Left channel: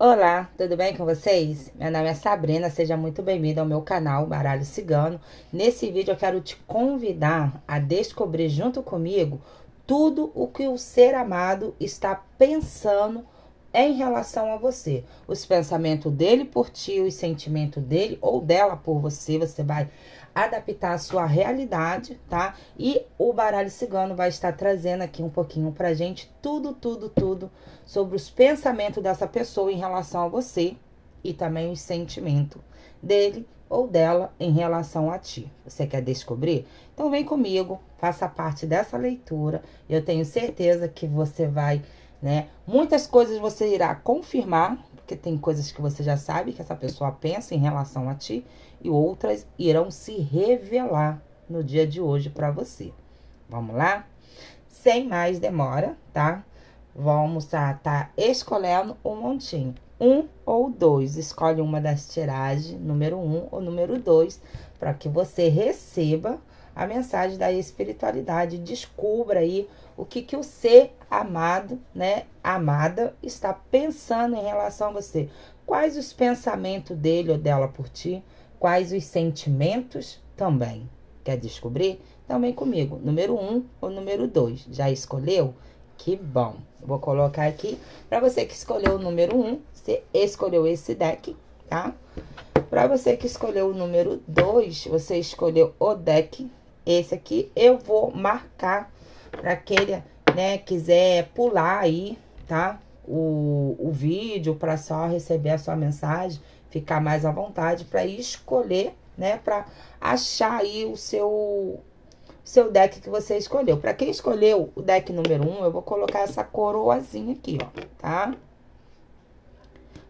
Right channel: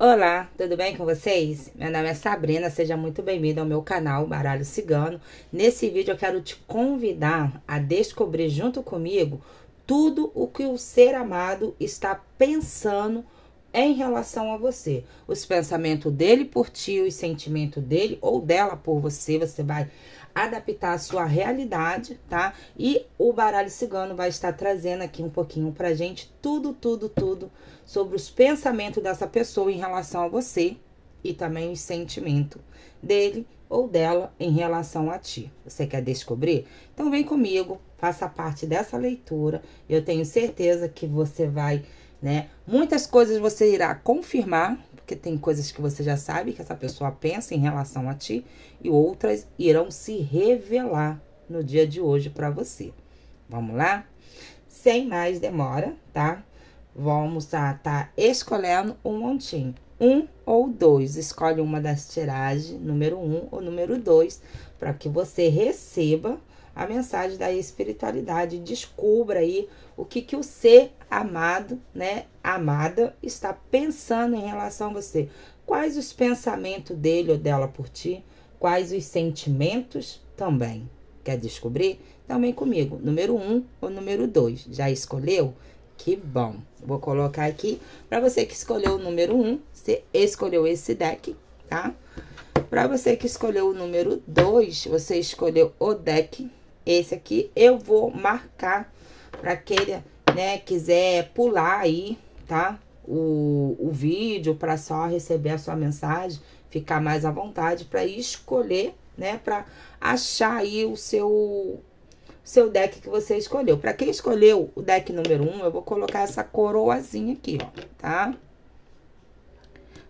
Olá, tudo bem com vocês? Meu nome é Sabrina, seja muito bem-vindo ao meu canal Baralho Cigano. Nesse vídeo eu quero te convidar a descobrir junto comigo tudo o que o ser amado está pensando em relação a você. Os pensamentos dele por ti, os sentimentos dele ou dela por você, você vai adaptar a sua realidade, tá? E o Baralho Cigano vai estar trazendo aqui um pouquinho pra gente tudo sobre os pensamentos dessa pessoa em relação a você e também os sentimentos dele ou dela em relação a ti. Você quer descobrir? Então vem comigo, faça parte dessa leitura. Eu tenho certeza que você vai, né? Muitas coisas você irá confirmar, porque tem coisas que você já sabe que essa pessoa pensa em relação a ti, e outras irão se revelar no dia de hoje para você. Vamos lá? Sem mais demora, tá? Vamos tá escolhendo um montinho. 1 ou 2. Escolhe uma das tiragens, número 1 ou número 2, para que você receba a mensagem da espiritualidade. Descubra aí o que o ser amado, né, amada, está pensando em relação a você. Quais os pensamentos dele ou dela por ti? Quais os sentimentos também? Quer descobrir? Então vem comigo. Número 1 ou número 2. Já escolheu? Que bom. Vou colocar aqui. Para você que escolheu o número 1, você escolheu esse deck, tá? Para você que escolheu o número 2, você escolheu o deck. Esse aqui eu vou marcar para aquele, né, quiser pular aí, tá? O vídeo para só receber a sua mensagem, ficar mais à vontade para escolher, né, para achar aí o seu deck que você escolheu. Para quem escolheu o deck número 1, eu vou colocar essa coroazinha aqui, ó, tá?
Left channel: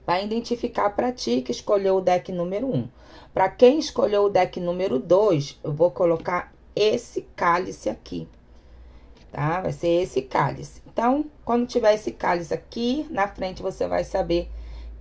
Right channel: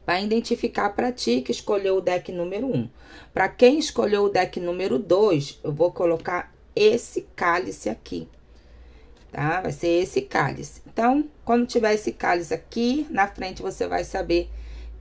Vai identificar para ti que escolheu o deck número 1. Para quem escolheu o deck número 2, eu vou colocar esse cálice aqui, tá? Vai ser esse cálice. Então, quando tiver esse cálice aqui na frente, você vai saber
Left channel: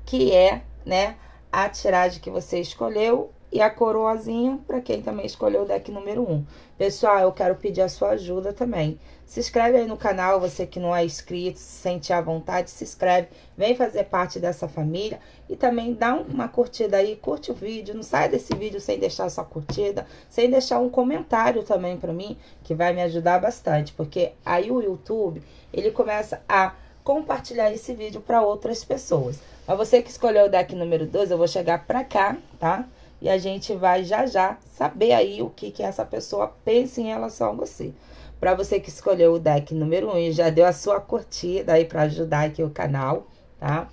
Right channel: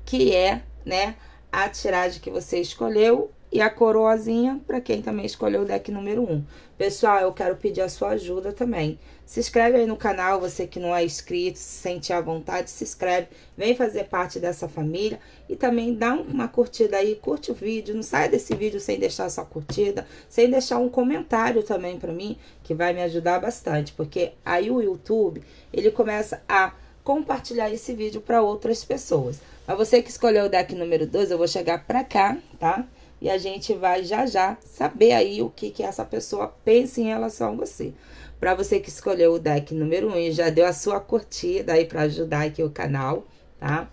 que é, né, a tiragem que você escolheu e a coroazinha para quem também escolheu o deck número 1. Pessoal, eu quero pedir a sua ajuda também. Se inscreve aí no canal, você que não é inscrito, se sente à vontade, se inscreve, vem fazer parte dessa família e também dá uma curtida aí, curte o vídeo, não sai desse vídeo sem deixar sua curtida, sem deixar um comentário também para mim, que vai me ajudar bastante, porque aí o YouTube, ele começa a compartilhar esse vídeo para outras pessoas. Mas você que escolheu o deck número 2, eu vou chegar pra cá, tá? E a gente vai já saber aí o que essa pessoa pensa em relação a você. Pra você que escolheu o deck número 1 e já deu a sua curtida aí pra ajudar aqui o canal, tá?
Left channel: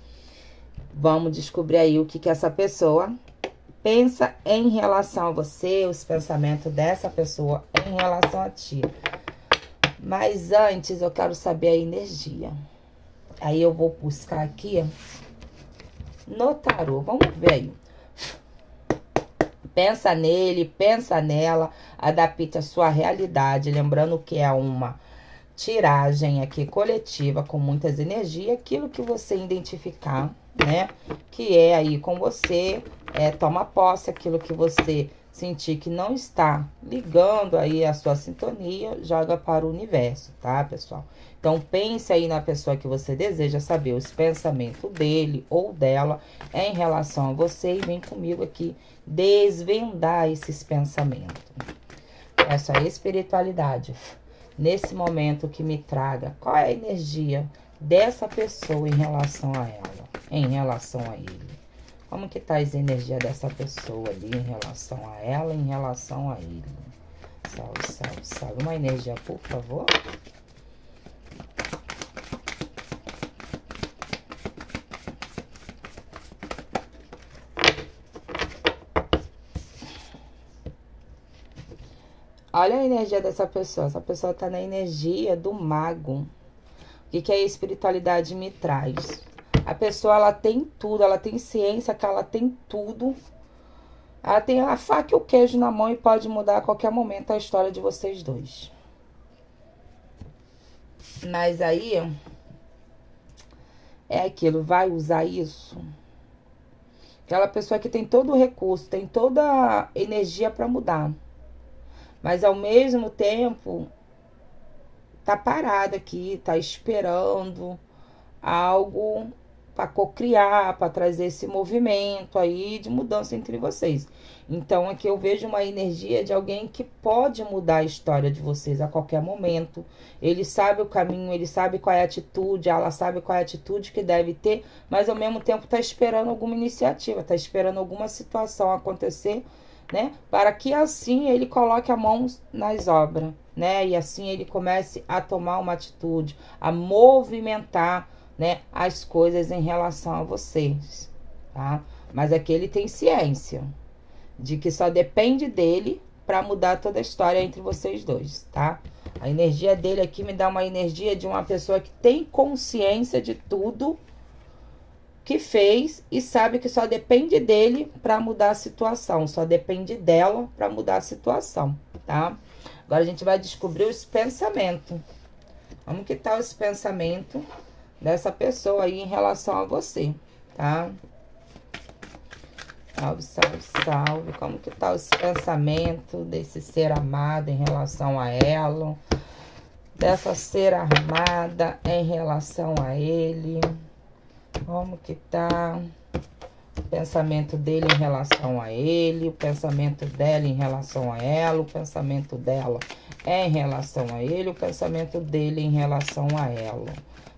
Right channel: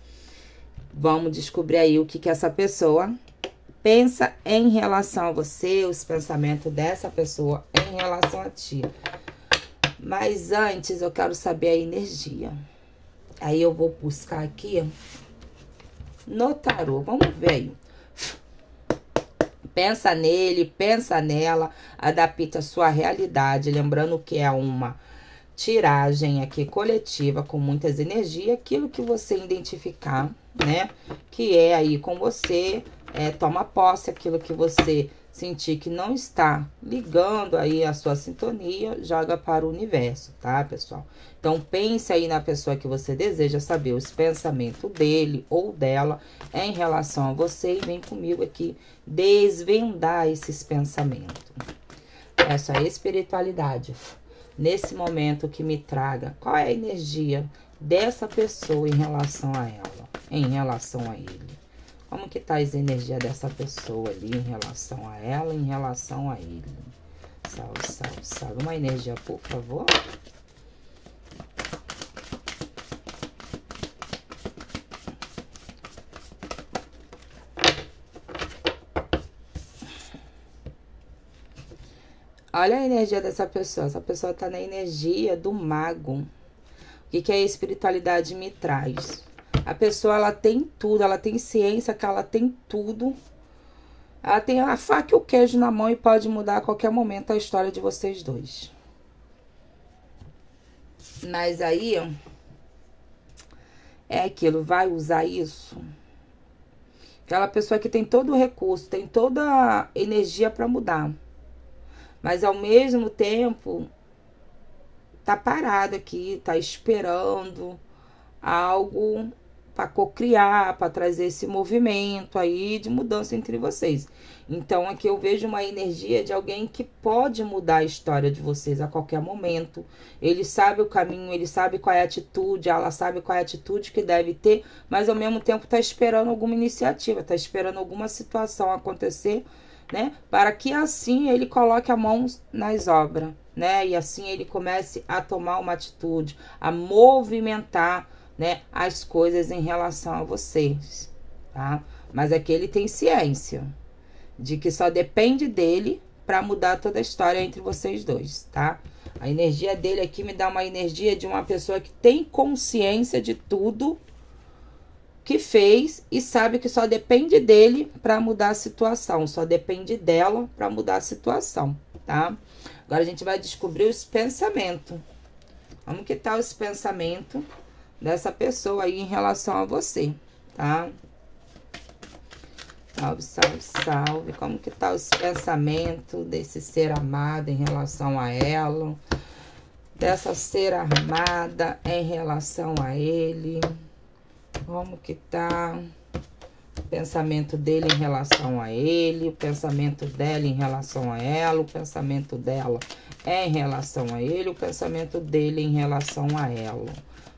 Vamos descobrir aí o que essa pessoa pensa em relação a você, os pensamentos dessa pessoa em relação a ti. Mas antes eu quero saber a energia. Aí eu vou buscar aqui no tarô, vamos ver aí. Pensa nele, pensa nela, adapta a sua realidade, lembrando que é uma tiragem aqui coletiva com muitas energias, aquilo que você identificar, né, que é aí com você, toma posse, aquilo que você sentir que não está ligando aí a sua sintonia, joga para o universo, tá, pessoal? Então, pense aí na pessoa que você deseja saber os pensamentos dele ou dela em relação a você e vem comigo aqui desvendar esses pensamentos. Essa espiritualidade, nesse momento que me traga, qual é a energia dessa pessoa em relação a ela, em relação a ele? Como que tá as energias dessa pessoa ali em relação a ela, em relação a ele? Salve. Uma energia, por favor. Olha a energia dessa pessoa. Essa pessoa tá na energia do mago. O que a espiritualidade me traz? A pessoa, ela tem tudo, ela tem ciência que ela tem tudo. Ela tem a faca e o queijo na mão e pode mudar a qualquer momento a história de vocês dois. Mas aí, é aquilo, vai usar isso? Aquela pessoa que tem todo o recurso, tem toda a energia para mudar. Mas ao mesmo tempo, tá parada aqui, tá esperando algo para cocriar, para trazer esse movimento aí de mudança entre vocês. Então, aqui eu vejo uma energia de alguém que pode mudar a história de vocês a qualquer momento. Ele sabe o caminho, ele sabe qual é a atitude, ela sabe qual é a atitude que deve ter, mas ao mesmo tempo está esperando alguma iniciativa, está esperando alguma situação acontecer, né? Para que assim ele coloque a mão nas obras, né? E assim ele comece a tomar uma atitude, a movimentar, né, as coisas em relação a vocês, tá? Mas aqui ele tem ciência de que só depende dele para mudar toda a história entre vocês dois, tá? A energia dele aqui me dá uma energia de uma pessoa que tem consciência de tudo que fez e sabe que só depende dele para mudar a situação, só depende dela para mudar a situação, tá? Agora a gente vai descobrir os pensamentos. Como que tá os pensamentos dessa pessoa aí em relação a você, tá? Salve, salve, salve. Como que tá os pensamentos desse ser amado em relação a ela? Dessa ser amada em relação a ele? Como que tá o pensamento dele em relação a ele? O pensamento dela em relação a ela? O pensamento dela em relação a ele? O pensamento dele em relação a ela?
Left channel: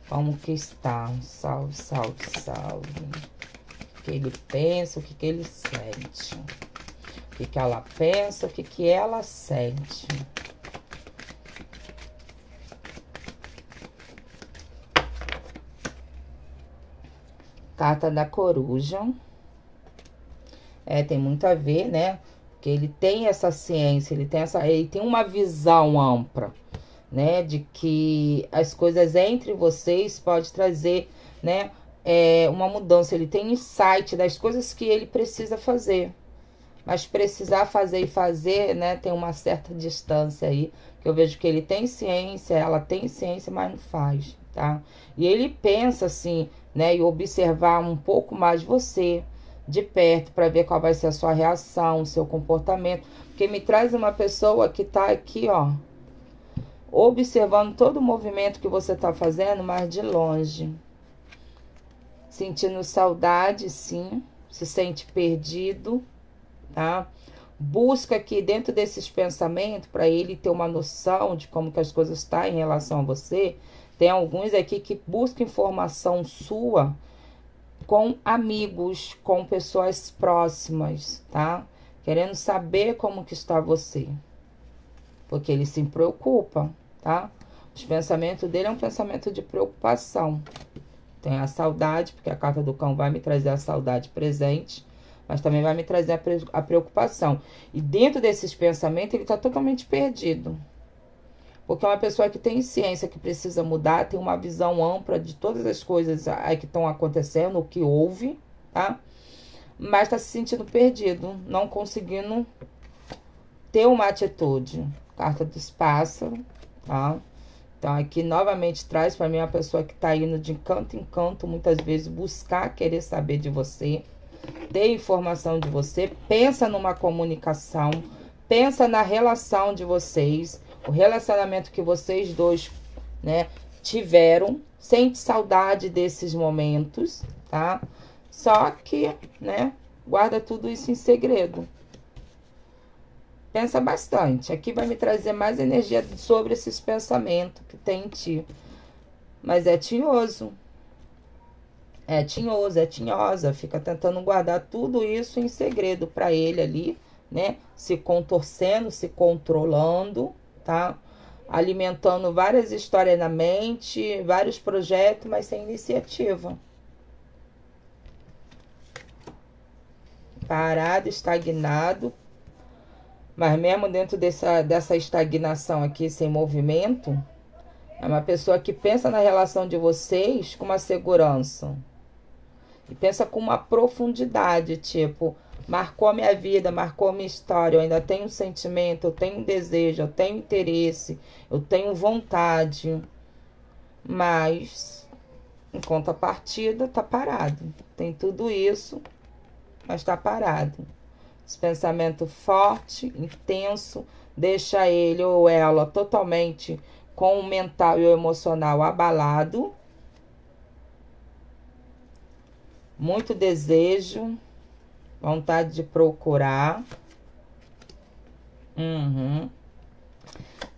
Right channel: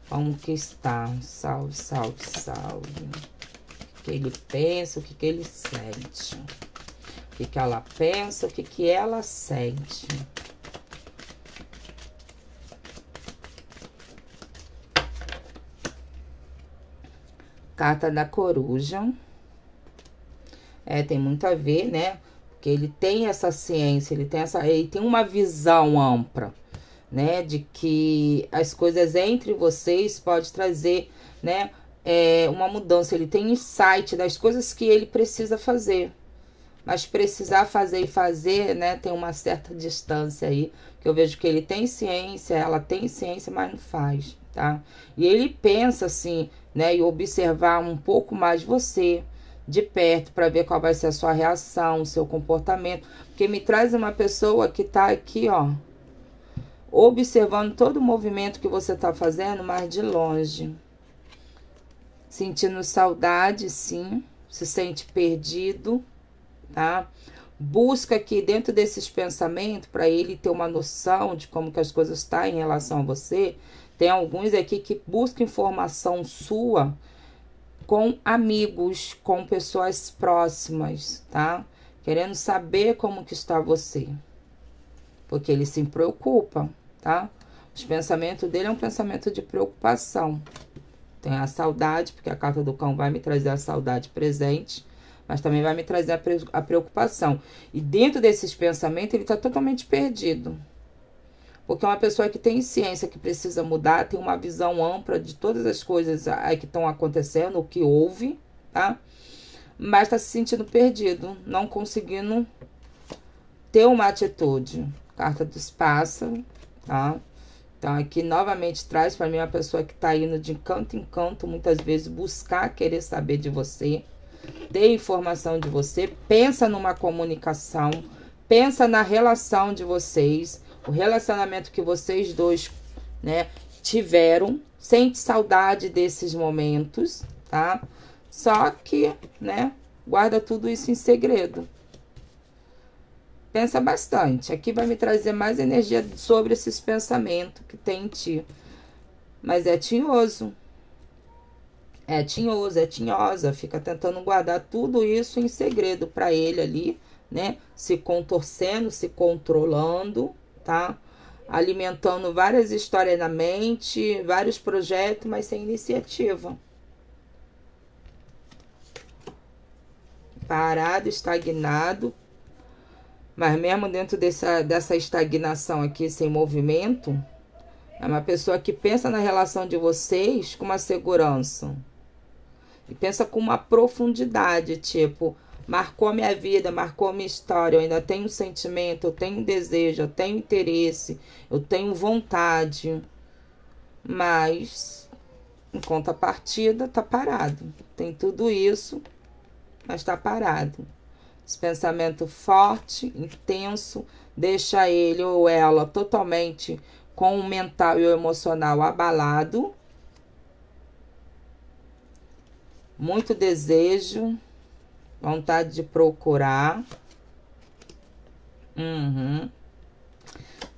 Como que está? Salve, salve, salve. O que ele pensa, o que ele sente. O que ela pensa, o que ela sente. Carta da coruja. Tem muito a ver, né? Porque ele tem essa ciência, ele tem uma visão ampla, né? De que as coisas entre vocês pode trazer, né? Uma mudança. Ele tem insight das coisas que ele precisa fazer. Mas precisar fazer e fazer, né? Tem uma certa distância aí. Que eu vejo que ele tem ciência, ela tem ciência, mas não faz, tá? E ele pensa assim, né? E observar um pouco mais você de perto para ver qual vai ser a sua reação, o seu comportamento. Porque me traz uma pessoa que tá aqui, ó, observando todo o movimento que você tá fazendo, mas de longe. Sentindo saudade, sim. Se sente perdido, tá? Busca aqui dentro desses pensamentos, para ele ter uma noção de como que as coisas estão em relação a você. Tem alguns aqui que buscam informação sua com amigos, com pessoas próximas, tá? Querendo saber como que está você. Porque ele se preocupa, tá? Os pensamentos dele é um pensamento de preocupação. Tem a saudade, porque a carta do cão vai me trazer a saudade presente, mas também vai me trazer a preocupação. E dentro desses pensamentos, ele está totalmente perdido. Porque é uma pessoa que tem ciência, que precisa mudar, tem uma visão ampla de todas as coisas aí que estão acontecendo, o que houve, tá? Mas está se sentindo perdido, não conseguindo ter uma atitude. Carta dos pássaros, tá? Então, aqui, novamente, traz para mim uma pessoa que está indo de canto em canto, muitas vezes, buscar, querer saber de você, ter informação de você, pensa numa comunicação, pensa na relação de vocês, o relacionamento que vocês dois, né, tiveram, sente saudade desses momentos, tá? Só que, né, guarda tudo isso em segredo. Pensa bastante. Aqui vai me trazer mais energia sobre esses pensamentos que tem em ti. Mas é tinhoso. É tinhoso, é tinhosa. Fica tentando guardar tudo isso em segredo para ele ali, né? Se contorcendo, se controlando, tá? Alimentando várias histórias na mente, vários projetos, mas sem iniciativa. Parado, estagnado. Mas mesmo dentro dessa estagnação aqui, sem movimento, é uma pessoa que pensa na relação de vocês com uma segurança. E pensa com uma profundidade, tipo, marcou a minha vida, marcou a minha história, eu ainda tenho um sentimento, eu tenho um desejo, eu tenho interesse, eu tenho vontade. Mas, em contrapartida, tá parado. Tem tudo isso, mas tá parado. Esse pensamento forte, intenso, deixa ele ou ela totalmente com o mental e o emocional abalado. muito desejo, vontade de procurar.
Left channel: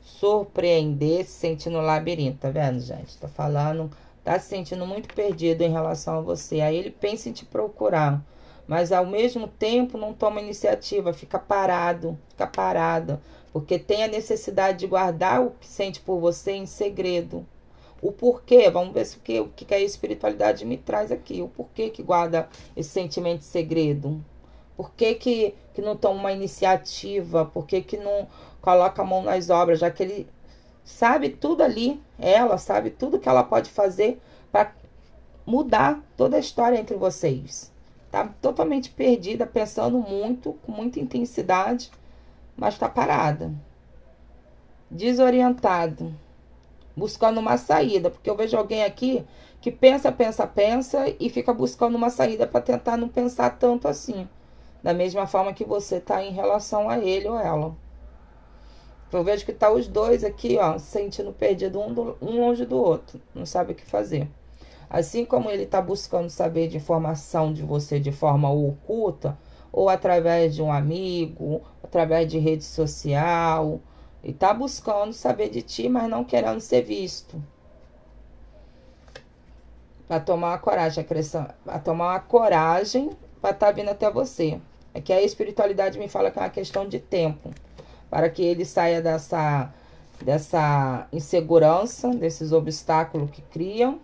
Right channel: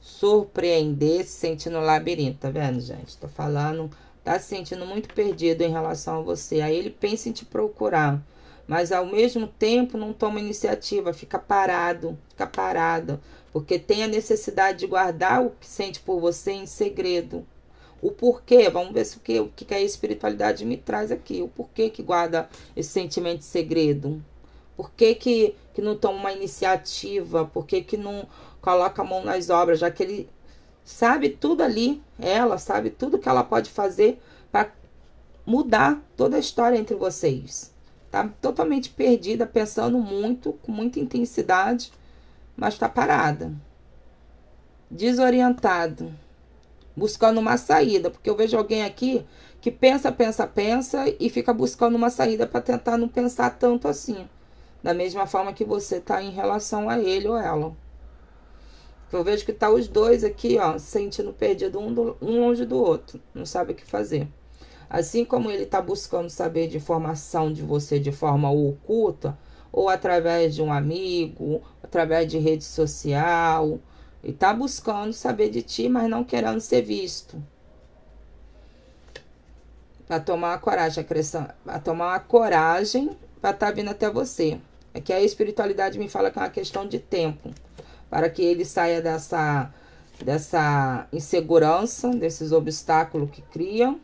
Surpreender, se sentir no labirinto, tá vendo, gente? Tô falando, tá se sentindo muito perdido em relação a você. Aí ele pensa em te procurar, mas ao mesmo tempo não toma iniciativa, fica parado, fica parado, porque tem a necessidade de guardar o que sente por você em segredo. O porquê, vamos ver se o que a espiritualidade me traz aqui. O porquê que guarda esse sentimento de segredo. Por que não toma uma iniciativa? Por que não coloca a mão nas obras? Já que ele sabe tudo ali, ela sabe tudo que ela pode fazer para mudar toda a história entre vocês. Tá totalmente perdida, pensando muito, com muita intensidade, mas tá parada. Desorientado. Buscando uma saída, porque eu vejo alguém aqui que pensa e fica buscando uma saída para tentar não pensar tanto assim. Da mesma forma que você tá em relação a ele ou ela. Eu vejo que tá os dois aqui, ó, se sentindo perdido um longe do outro. Não sabe o que fazer. Assim como ele tá buscando saber de informação de você de forma oculta, ou através de um amigo, através de rede social, e tá buscando saber de ti, mas não querendo ser visto. Pra tomar uma coragem, pra tomar uma coragem pra tá vindo até você. É que a espiritualidade me fala que é uma questão de tempo. Para que ele saia dessa insegurança, desses obstáculos que criam,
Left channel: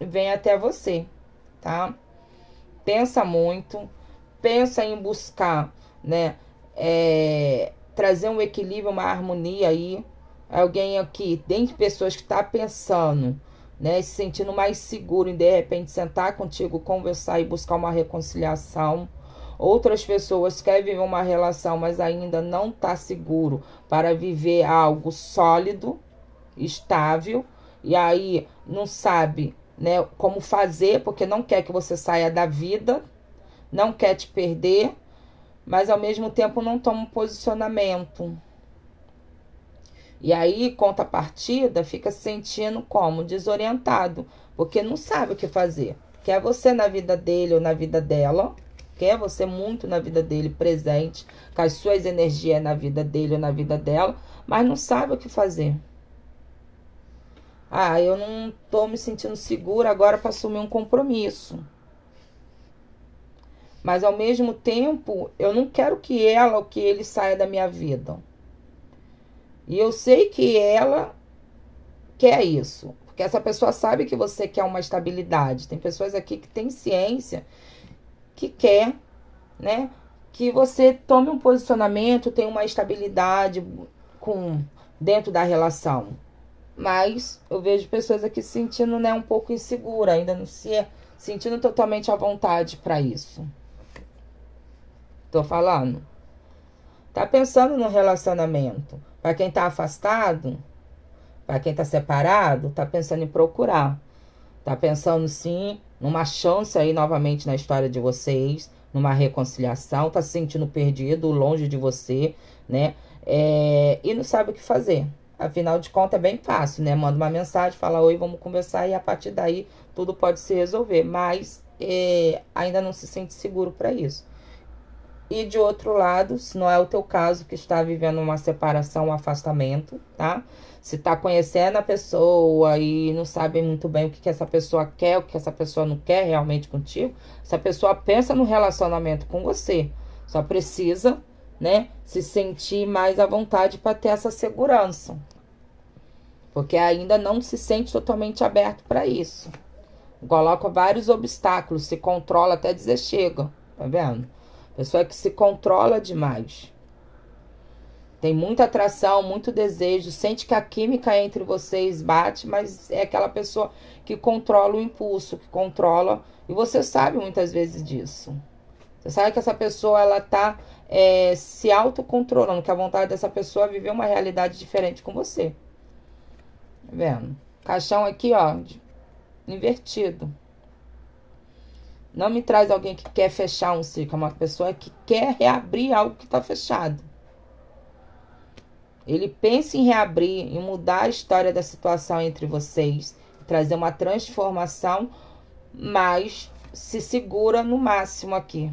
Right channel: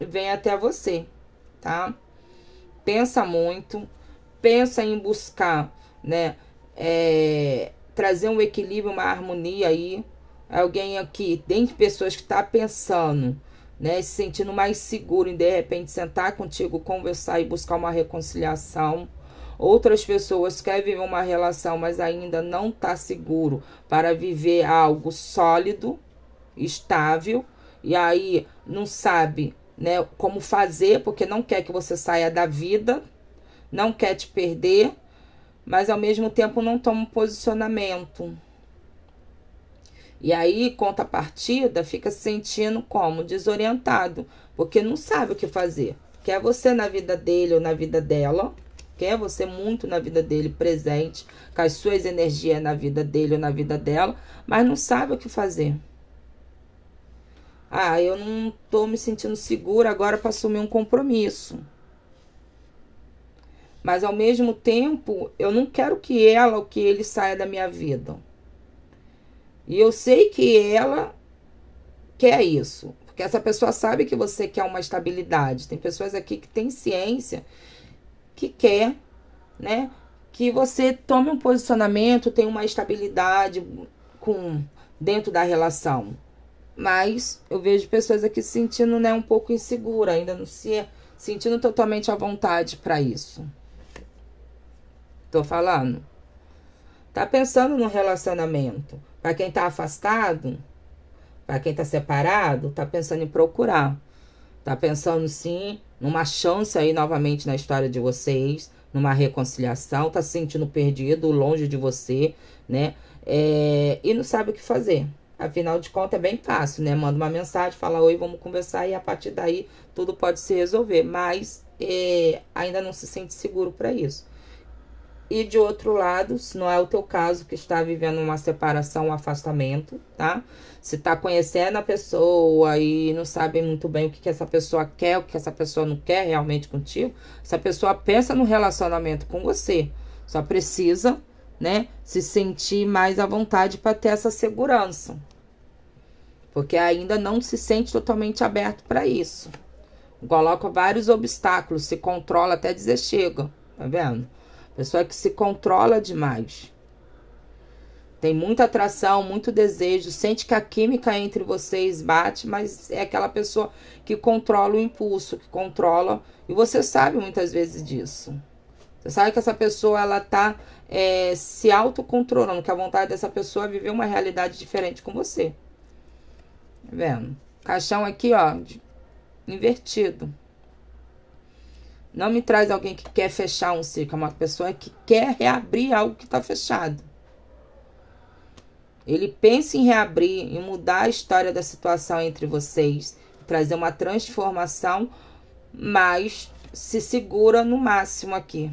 e venha até você, tá? Pensa muito, pensa em buscar, né? Trazer um equilíbrio, uma harmonia aí. Alguém aqui, dentre pessoas que tá pensando, né? Se sentindo mais seguro em de repente sentar contigo, conversar e buscar uma reconciliação. Outras pessoas querem viver uma relação, mas ainda não tá seguro para viver algo sólido, estável. E aí não sabe, né, como fazer, porque não quer que você saia da vida, não quer te perder, mas ao mesmo tempo não toma um posicionamento. E aí, contrapartida, fica se sentindo como? Desorientado, porque não sabe o que fazer. Quer você na vida dele ou na vida dela, quer você muito na vida dele, presente, com as suas energias na vida dele ou na vida dela, mas não sabe o que fazer. Ah, eu não tô me sentindo segura agora para assumir um compromisso. Mas ao mesmo tempo, eu não quero que ela ou que ele saia da minha vida. E eu sei que ela quer isso. Porque essa pessoa sabe que você quer uma estabilidade. Tem pessoas aqui que têm ciência, que quer, né, que você tome um posicionamento, tenha uma estabilidade dentro da relação. Mas eu vejo pessoas aqui se sentindo, né, um pouco insegura, ainda não se sentindo totalmente à vontade para isso. Tô falando? Tá pensando no relacionamento. Para quem tá afastado, para quem tá separado, tá pensando em procurar. Tá pensando, sim, numa chance aí novamente na história de vocês, numa reconciliação, tá se sentindo perdido, longe de você, né? E não sabe o que fazer. Afinal de contas, é bem fácil, né? Manda uma mensagem, fala oi, vamos conversar, e a partir daí tudo pode se resolver. Mas ainda não se sente seguro para isso. E de outro lado, se não é o teu caso, que está vivendo uma separação, um afastamento, tá? Se tá conhecendo a pessoa e não sabe muito bem o que essa pessoa quer, o que essa pessoa não quer realmente contigo, essa pessoa pensa no relacionamento com você. Só precisa, né, se sentir mais à vontade para ter essa segurança. Porque ainda não se sente totalmente aberto para isso. Coloca vários obstáculos, se controla até dizer chega, tá vendo? Pessoa que se controla demais. Tem muita atração, muito desejo, sente que a química entre vocês bate, mas é aquela pessoa que controla o impulso, que controla, e você sabe muitas vezes disso. Você sabe que essa pessoa, ela tá se autocontrolando, que a vontade dessa pessoa é viver uma realidade diferente com você. Tá vendo? Caixão aqui, ó, invertido. Não me traz alguém que quer fechar um ciclo, é uma pessoa que quer reabrir algo que tá fechado. Ele pensa em reabrir, em mudar a história da situação entre vocês, trazer uma transformação, mas se segura no máximo aqui.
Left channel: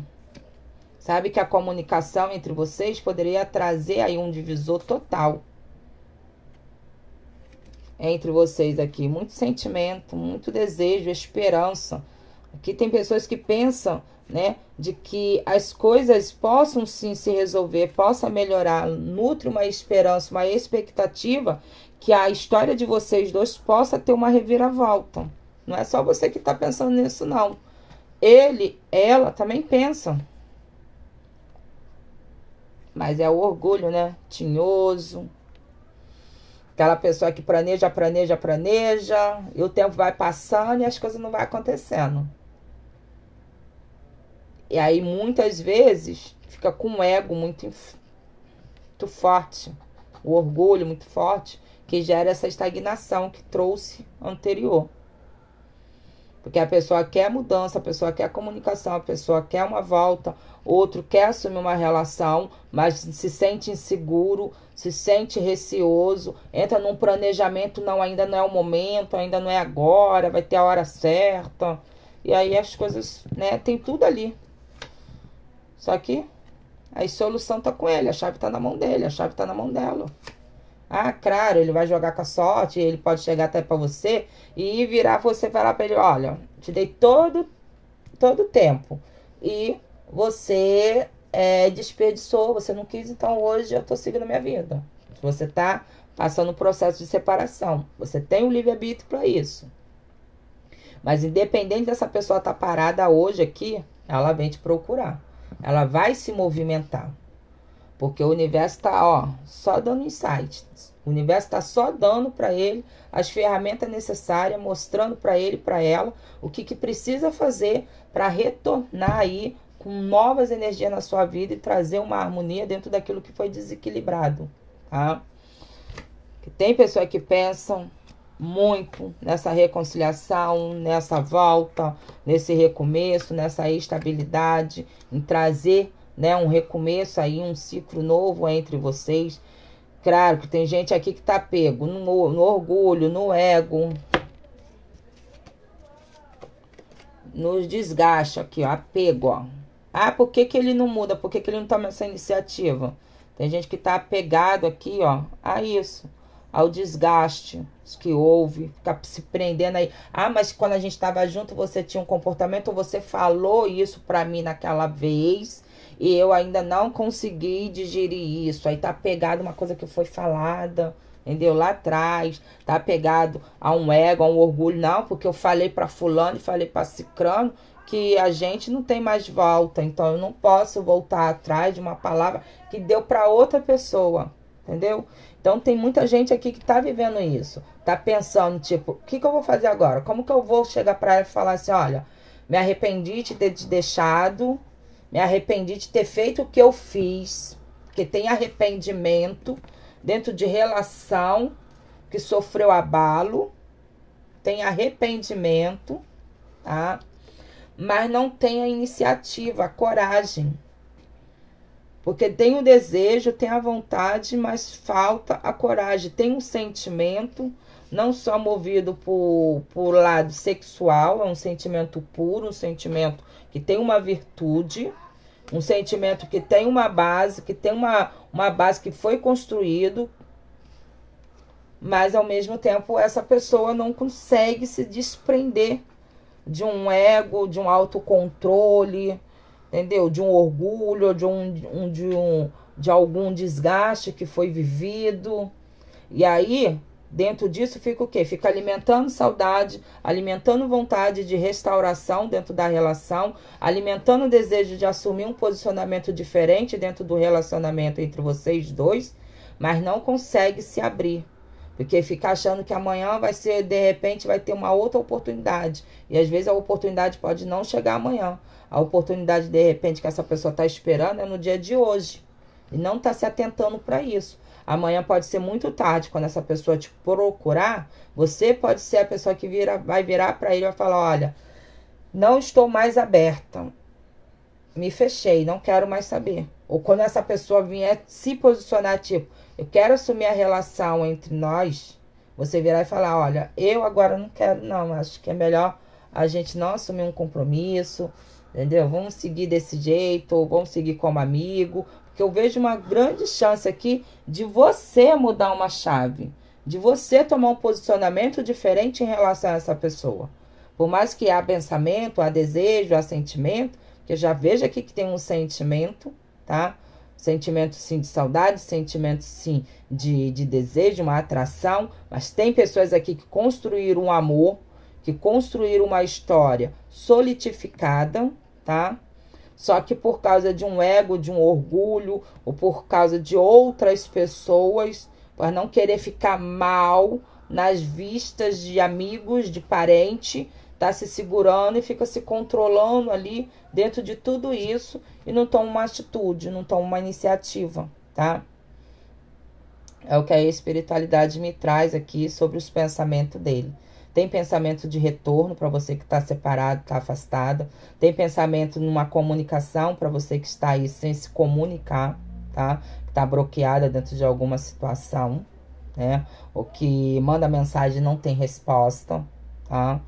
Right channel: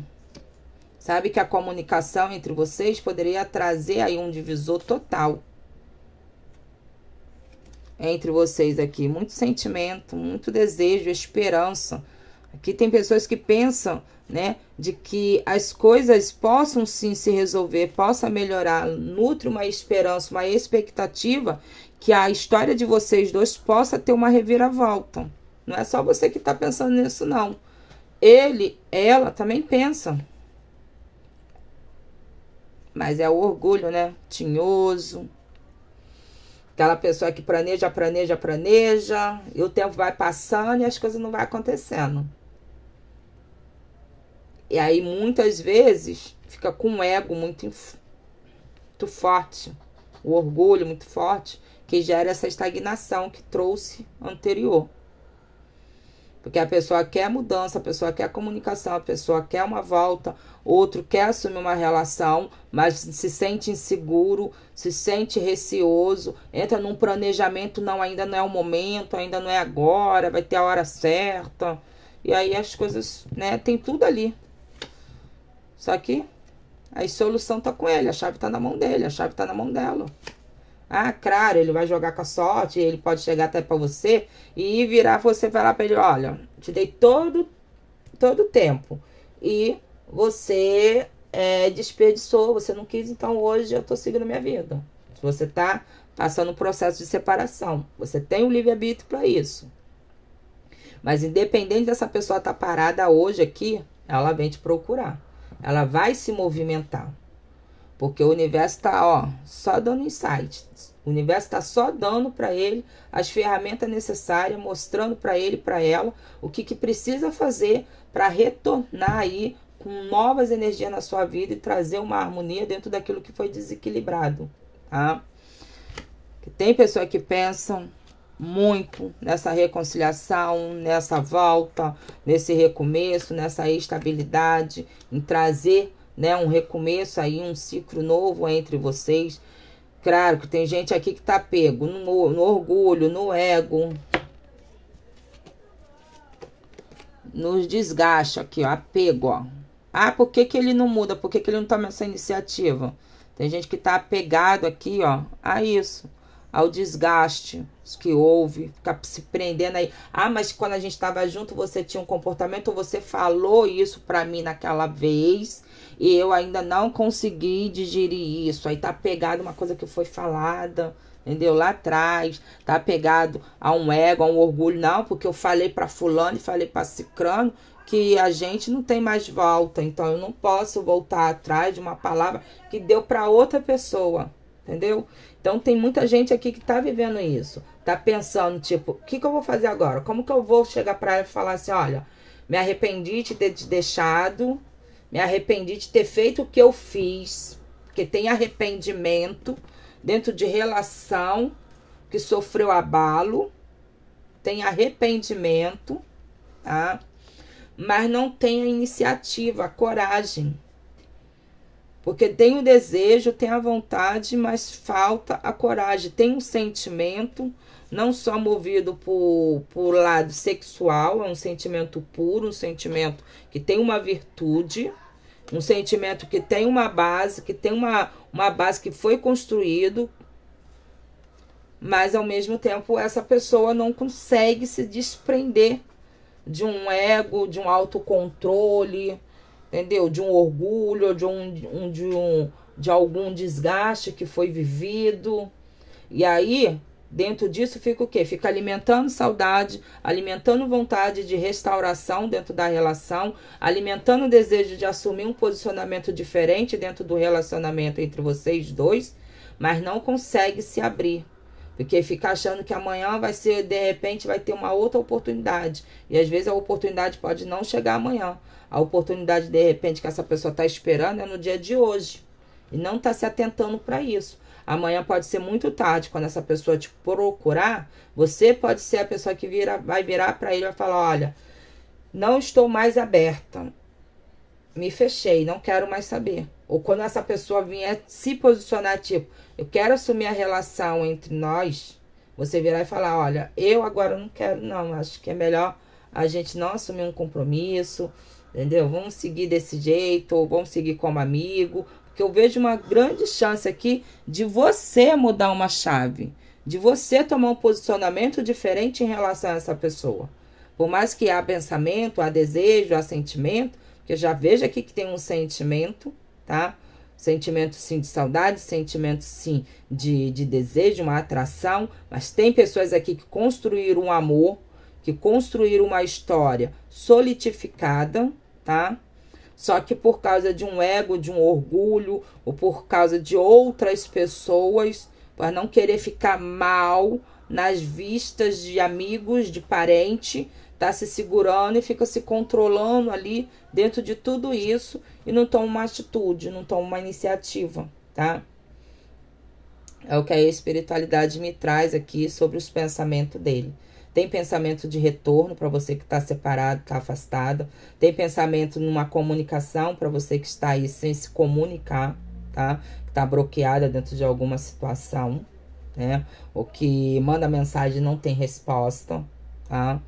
Sabe que a comunicação entre vocês poderia trazer aí um divisor total. Entre vocês aqui. Muito sentimento, muito desejo, esperança. Aqui tem pessoas que pensam, né, de que as coisas possam sim se resolver, possa melhorar. Nutre uma esperança, uma expectativa que a história de vocês dois possa ter uma reviravolta. Não é só você que está pensando nisso, não. Ele, ela também pensam. Mas é o orgulho, né? Tinhoso. Aquela pessoa que planeja, planeja, planeja. E o tempo vai passando e as coisas não vão acontecendo. E aí, muitas vezes, fica com um ego muito forte. O orgulho muito forte, que gera essa estagnação que trouxe anterior. Porque a pessoa quer mudança, a pessoa quer comunicação, a pessoa quer uma volta, outro quer assumir uma relação, mas se sente inseguro, se sente receoso, entra num planejamento, não, ainda não é o momento, ainda não é agora, vai ter a hora certa. E aí as coisas, né, tem tudo ali. Só que a solução tá com ele, a chave tá na mão dele, a chave tá na mão dela. Ah, claro, ele vai jogar com a sorte, ele pode chegar até pra você e virar você e falar pra ele, olha, te dei todo o tempo e você desperdiçou, você não quis, então hoje eu tô seguindo a minha vida. Você tá passando um processo de separação, você tem o livre-arbítrio pra isso. Mas independente dessa pessoa tá parada hoje aqui, ela vem te procurar, ela vai se movimentar. Porque o universo tá, ó, só dando insight. O universo tá só dando para ele as ferramentas necessárias, mostrando para ele e para ela o que precisa fazer para retornar aí com novas energias na sua vida e trazer uma harmonia dentro daquilo que foi desequilibrado, tá? Tem pessoas que pensam muito nessa reconciliação, nessa volta, nesse recomeço, nessa estabilidade, em trazer, né, um recomeço aí, um ciclo novo entre vocês. Claro que tem gente aqui que tá pego no orgulho, no ego, nos desgaste aqui, ó, apego, ó. Ah, por que ele não muda? Por que ele não toma essa iniciativa? Tem gente que tá apegado aqui, ó, a isso, ao desgaste que houve, ficar se prendendo aí. Ah, mas quando a gente tava junto, você tinha um comportamento, você falou isso pra mim naquela vez, e eu ainda não consegui digerir isso. Aí tá pegado uma coisa que foi falada, entendeu? Lá atrás, tá pegado a um ego, a um orgulho. Não, porque eu falei pra fulano e falei pra cicrano que a gente não tem mais volta. Então eu não posso voltar atrás de uma palavra que deu pra outra pessoa, entendeu? Então tem muita gente aqui que tá vivendo isso. Tá pensando, tipo, o que eu vou fazer agora? Como que eu vou chegar pra ela e falar assim, olha, me arrependi de ter te deixado, me arrependi de ter feito o que eu fiz, porque tem arrependimento dentro de relação que sofreu abalo, tem arrependimento, tá? Mas não tem a iniciativa, a coragem. Porque tem o desejo, tem a vontade, mas falta a coragem. Tem um sentimento, não só movido por lado sexual, é um sentimento puro, um sentimento que tem uma virtude, um sentimento que tem uma base, que tem uma base que foi construído, mas ao mesmo tempo essa pessoa não consegue se desprender de um ego, de um autocontrole, entendeu? De um orgulho, de algum desgaste que foi vivido. E aí, dentro disso fica o quê? Fica alimentando saudade, alimentando vontade de restauração dentro da relação, alimentando o desejo de assumir um posicionamento diferente dentro do relacionamento entre vocês dois, mas não consegue se abrir. Porque fica achando que amanhã vai ser, de repente, vai ter uma outra oportunidade. E às vezes a oportunidade pode não chegar amanhã. A oportunidade, de repente, que essa pessoa está esperando é no dia de hoje. E não está se atentando para isso. Amanhã pode ser muito tarde, quando essa pessoa te procurar, você pode ser a pessoa que vai virar para ele e vai falar, olha, não estou mais aberta. Me fechei, não quero mais saber. Ou quando essa pessoa vier se posicionar, tipo, eu quero assumir a relação entre nós, você virar e falar, olha, eu agora não quero não, acho que é melhor a gente não assumir um compromisso, entendeu? Vamos seguir desse jeito, ou vamos seguir como amigo, porque eu vejo uma grande chance aqui de você mudar uma chave, de você tomar um posicionamento diferente em relação a essa pessoa. Por mais que há pensamento, há desejo, há sentimento, que eu já vejo aqui que tem um sentimento, tá? Sentimento sim de saudade, sentimento sim de desejo, uma atração, mas tem pessoas aqui que construíram um amor, que construíram uma história solidificada, tá? Só que por causa de um ego, de um orgulho, ou por causa de outras pessoas, para não querer ficar mal nas vistas de amigos, de parente, tá se segurando e fica se controlando ali dentro de tudo isso e não toma uma atitude, não toma uma iniciativa, tá? É o que a espiritualidade me traz aqui sobre os pensamentos dele. Tem pensamento de retorno para você que está separado, está afastada. Tem pensamento numa comunicação para você que está aí sem se comunicar, tá? Que está bloqueada dentro de alguma situação, né? Ou que manda mensagem e não tem resposta, tá?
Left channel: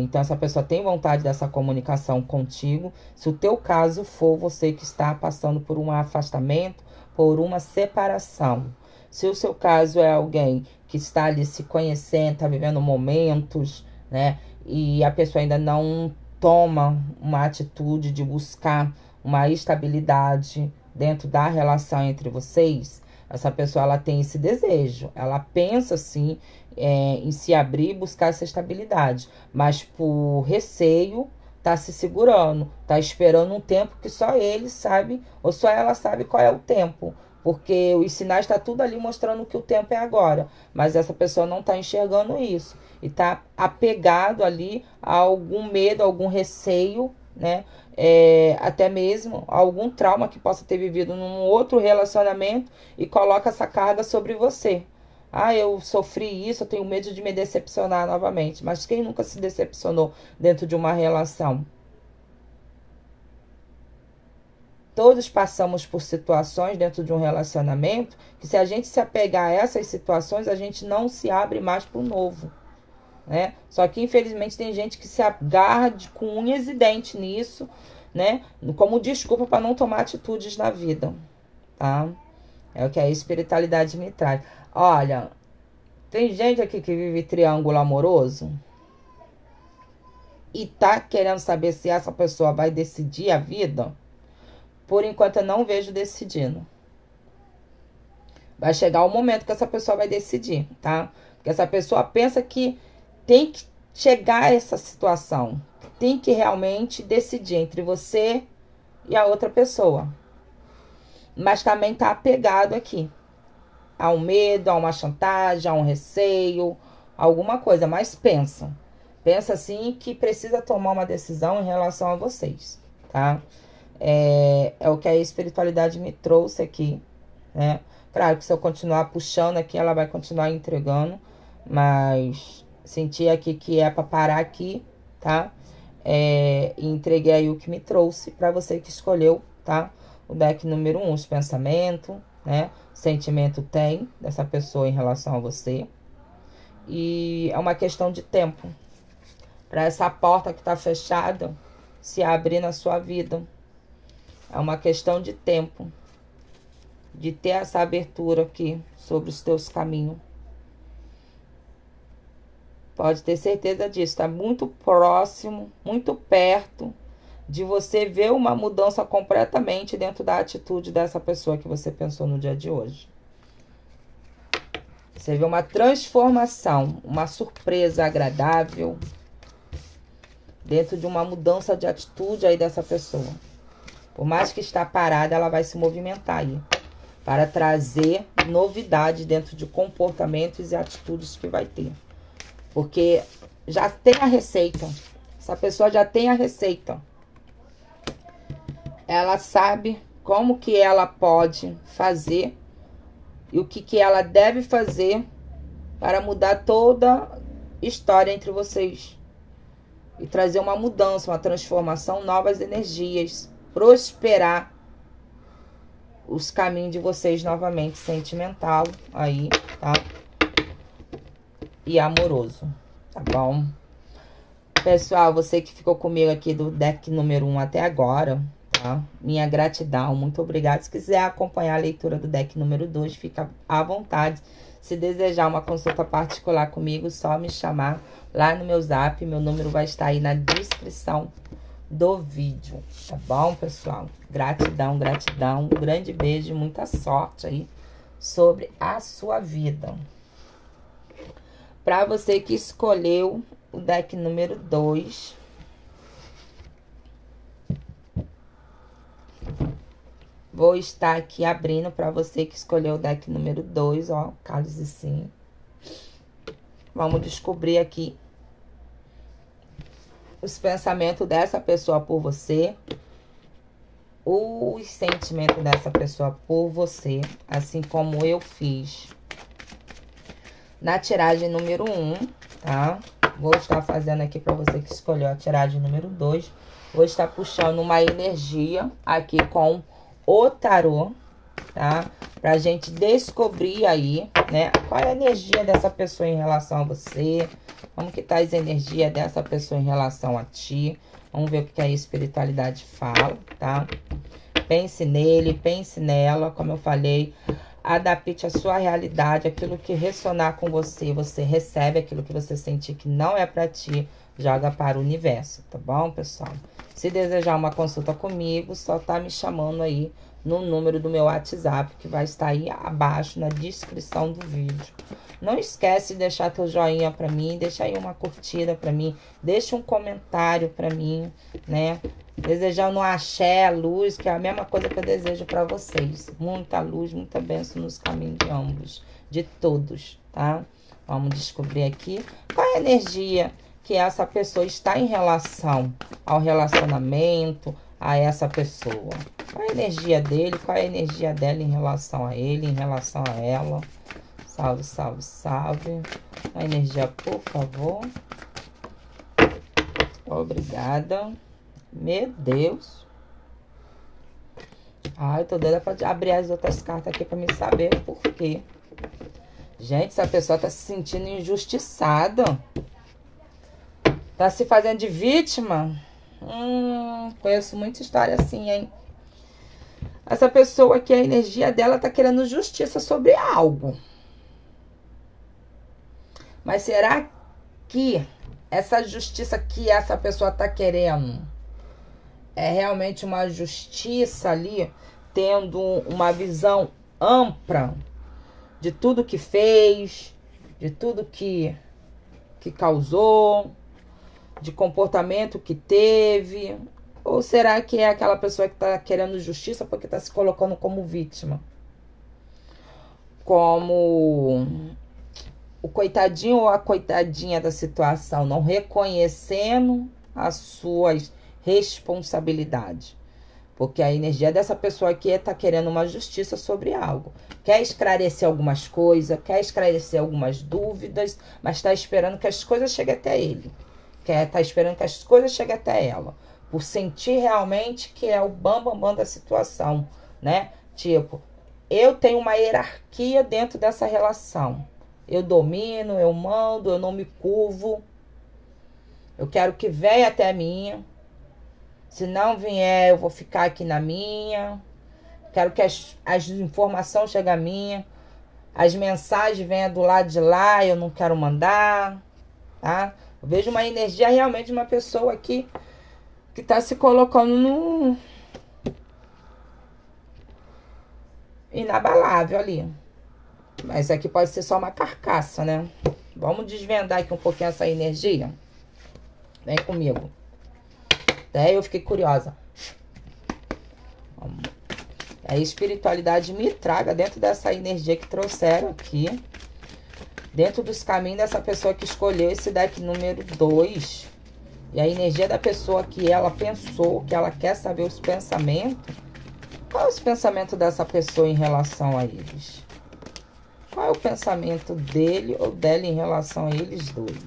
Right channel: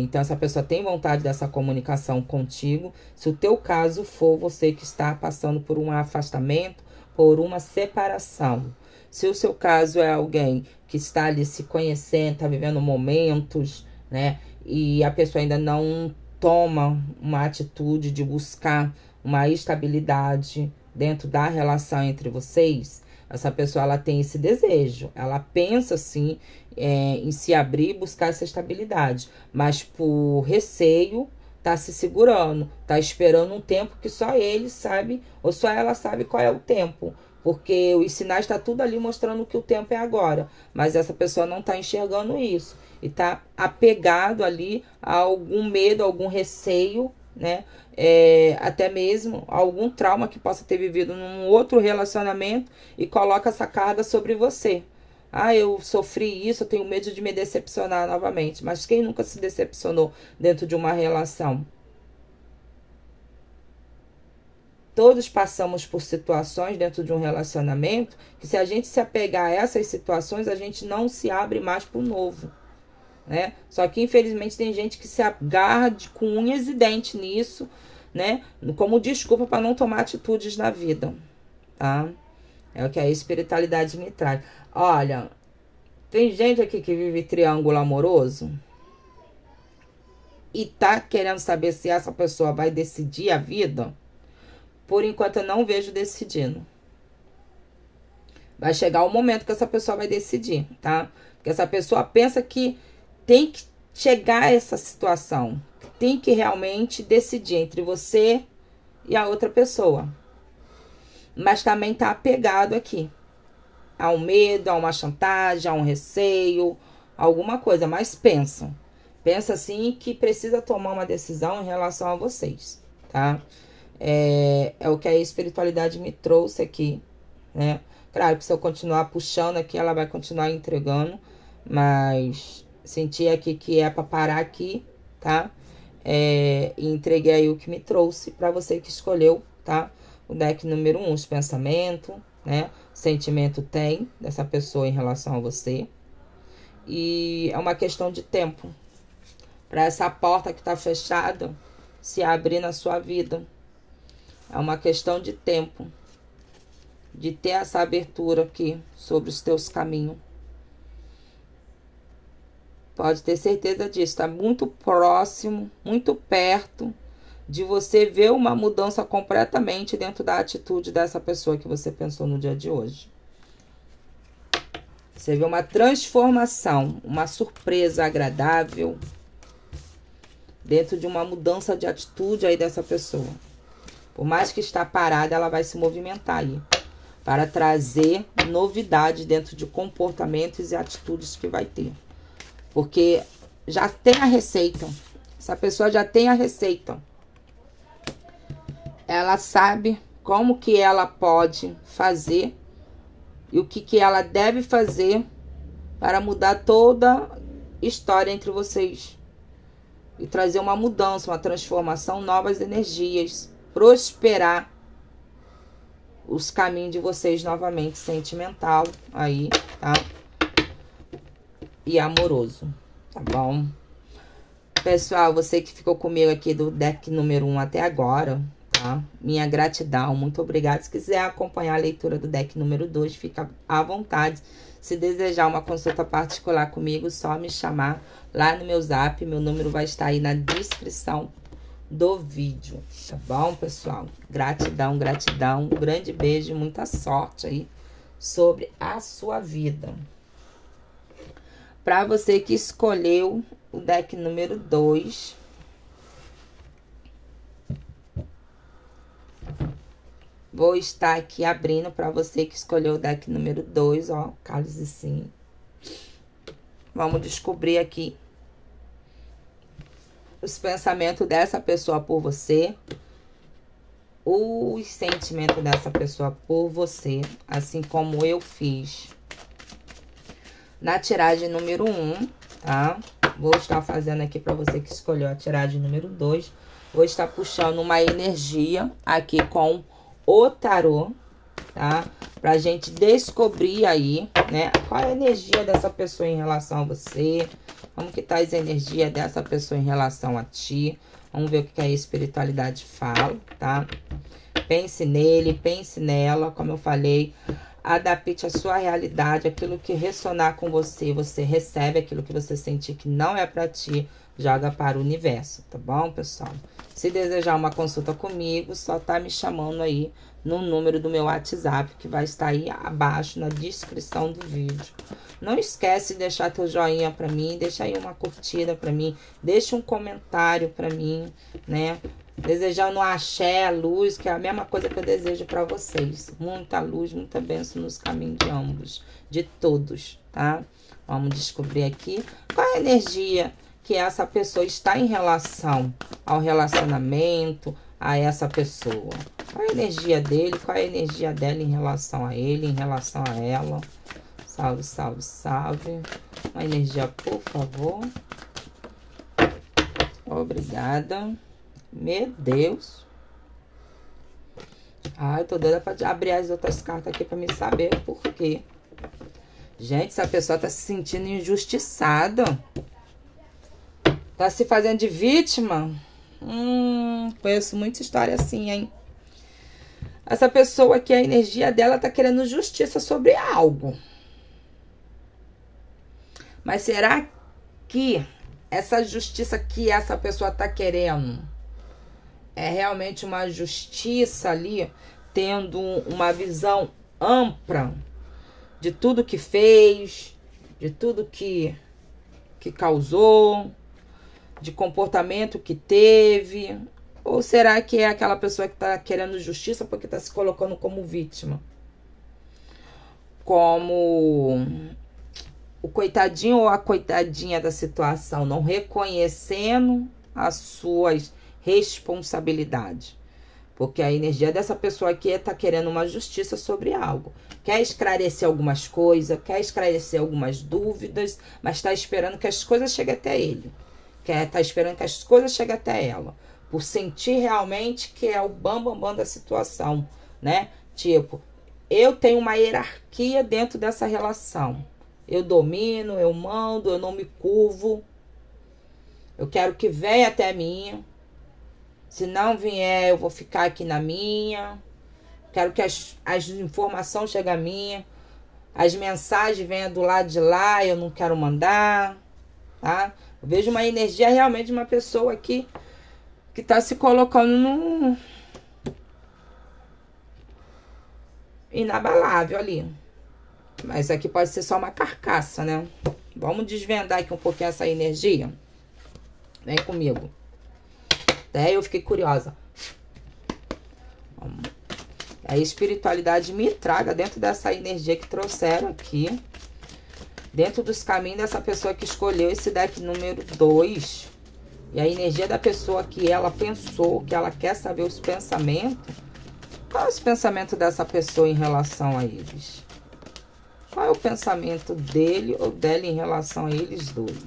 Então, essa pessoa tem vontade dessa comunicação contigo. Se o teu caso for você que está passando por um afastamento, por uma separação. Se o seu caso é alguém que está ali se conhecendo, está vivendo momentos, né? E a pessoa ainda não toma uma atitude de buscar uma estabilidade dentro da relação entre vocês, essa pessoa ela tem esse desejo, ela pensa assim em se abrir e buscar essa estabilidade, mas por receio tá se segurando, tá esperando um tempo que só ele sabe ou só ela sabe qual é o tempo, porque os sinais tá tudo ali mostrando que o tempo é agora, mas essa pessoa não tá enxergando isso e tá apegado ali a algum medo, algum receio, né? Até mesmo algum trauma que possa ter vivido num outro relacionamento e coloca essa carga sobre você. Ah, eu sofri isso, eu tenho medo de me decepcionar novamente. Mas quem nunca se decepcionou dentro de uma relação? Todos passamos por situações dentro de um relacionamento que se a gente se apegar a essas situações, a gente não se abre mais para o novo, né? Só que infelizmente tem gente que se agarra com unhas e dentes nisso, né? Como desculpa para não tomar atitudes na vida, tá? É o que a espiritualidade me traz. Olha, tem gente aqui que vive triângulo amoroso e tá querendo saber se essa pessoa vai decidir a vida. Por enquanto eu não vejo decidindo. Vai chegar o momento que essa pessoa vai decidir, tá? Porque essa pessoa pensa que tem que chegar a essa situação. Tem que realmente decidir entre você e a outra pessoa. Mas também tá apegado aqui. Há um medo, há uma chantagem, há um receio, alguma coisa. Mas pensa. Pensa assim que precisa tomar uma decisão em relação a vocês, tá? É o que a espiritualidade me trouxe aqui, né? Claro que se eu continuar puxando aqui, ela vai continuar entregando. Mas senti aqui que é para parar aqui, tá? E entreguei aí o que me trouxe para você que escolheu, tá? O deck número 1, os pensamentos, né? O sentimento tem dessa pessoa em relação a você. E é uma questão de tempo para essa porta que tá fechada se abrir na sua vida. É uma questão de tempo de ter essa abertura aqui sobre os teus caminhos. Pode ter certeza disso, está muito próximo, muito perto de você ver uma mudança completamente dentro da atitude dessa pessoa que você pensou no dia de hoje. Você vê uma transformação, uma surpresa agradável dentro de uma mudança de atitude aí dessa pessoa. Por mais que está parada, ela vai se movimentar aí para trazer novidade dentro de comportamentos e atitudes que vai ter. Porque já tem a receita. Essa pessoa já tem a receita. Ela sabe como que ela pode fazer e o que ela deve fazer para mudar toda a história entre vocês. E trazer uma mudança, uma transformação, novas energias. Prosperar os caminhos de vocês novamente. Sentimental aí, tá? E amoroso, tá bom? Pessoal, você que ficou comigo aqui do deck número 1 até agora, tá? Minha gratidão, muito obrigada. Se quiser acompanhar a leitura do deck número 2, fica à vontade. Se desejar uma consulta particular comigo, só me chamar lá no meu zap. Meu número vai estar aí na descrição do vídeo, tá bom, pessoal? Gratidão, gratidão. Um grande beijo e muita sorte aí sobre a sua vida. Para você que escolheu o deck número 2, vou estar aqui abrindo para você que escolheu o deck número 2, ó, Carlos e Sim. Vamos descobrir aqui os pensamentos dessa pessoa por você, os sentimentos dessa pessoa por você, assim como eu fiz na tiragem número 1, tá? Vou estar fazendo aqui para você que escolheu a tiragem número 2. Vou estar puxando uma energia aqui com o tarô, tá? Pra gente descobrir aí, né? Qual é a energia dessa pessoa em relação a você. Como que tá as energias dessa pessoa em relação a ti. Vamos ver o que a espiritualidade fala, tá? Pense nele, pense nela, como eu falei. Adapte a sua realidade, aquilo que ressonar com você, você recebe, aquilo que você sentir que não é pra ti, joga para o universo, tá bom, pessoal? Se desejar uma consulta comigo, só tá me chamando aí no número do meu WhatsApp, que vai estar aí abaixo na descrição do vídeo. Não esquece de deixar teu joinha pra mim, deixa aí uma curtida pra mim, deixa um comentário pra mim, né? Desejando um axé, luz, que é a mesma coisa que eu desejo pra vocês. Muita luz, muita bênção nos caminhos de ambos, de todos, tá? Vamos descobrir aqui qual é a energia que essa pessoa está em relação ao relacionamento, a essa pessoa. Qual é a energia dele, qual é a energia dela em relação a ele, em relação a ela. Salve, salve, salve. Uma energia, por favor. Obrigada. Meu Deus. Ai, tô doida pra abrir as outras cartas aqui pra me saber por quê. Gente, essa pessoa tá se sentindo injustiçada. Tá se fazendo de vítima. Conheço muita história assim, hein? Essa pessoa aqui, a energia dela tá querendo justiça sobre algo. Mas será que essa justiça que essa pessoa tá querendo é realmente uma justiça ali, tendo uma visão ampla de tudo que fez, de tudo que causou, de comportamento que teve? Ou será que é aquela pessoa que tá querendo justiça porque tá se colocando como vítima? Como o coitadinho ou a coitadinha da situação, não reconhecendo as suas responsabilidades. Porque a energia dessa pessoa aqui tá querendo uma justiça sobre algo. Quer esclarecer algumas coisas, quer esclarecer algumas dúvidas, mas tá esperando que as coisas cheguem até ele. Tá esperando que as coisas cheguem até ela. Por sentir realmente que é o bambambam da situação, né? Tipo, eu tenho uma hierarquia dentro dessa relação. Eu domino, eu mando, eu não me curvo. Eu quero que venha até mim. Se não vier, eu vou ficar aqui na minha. Quero que as informações cheguem a mim. As mensagens venham do lado de lá, eu não quero mandar, tá? Eu vejo uma energia realmente de uma pessoa aqui que tá se colocando no inabalável ali. Mas aqui pode ser só uma carcaça, né? Vamos desvendar aqui um pouquinho essa energia. Vem comigo. Até eu fiquei curiosa. A espiritualidade me traga dentro dessa energia que trouxeram aqui. Dentro dos caminhos dessa pessoa que escolheu esse deck número 2. E a energia da pessoa que ela pensou, que ela quer saber os pensamentos. Qual é o pensamento dessa pessoa em relação a eles? Qual é o pensamento dele ou dela em relação a eles dois?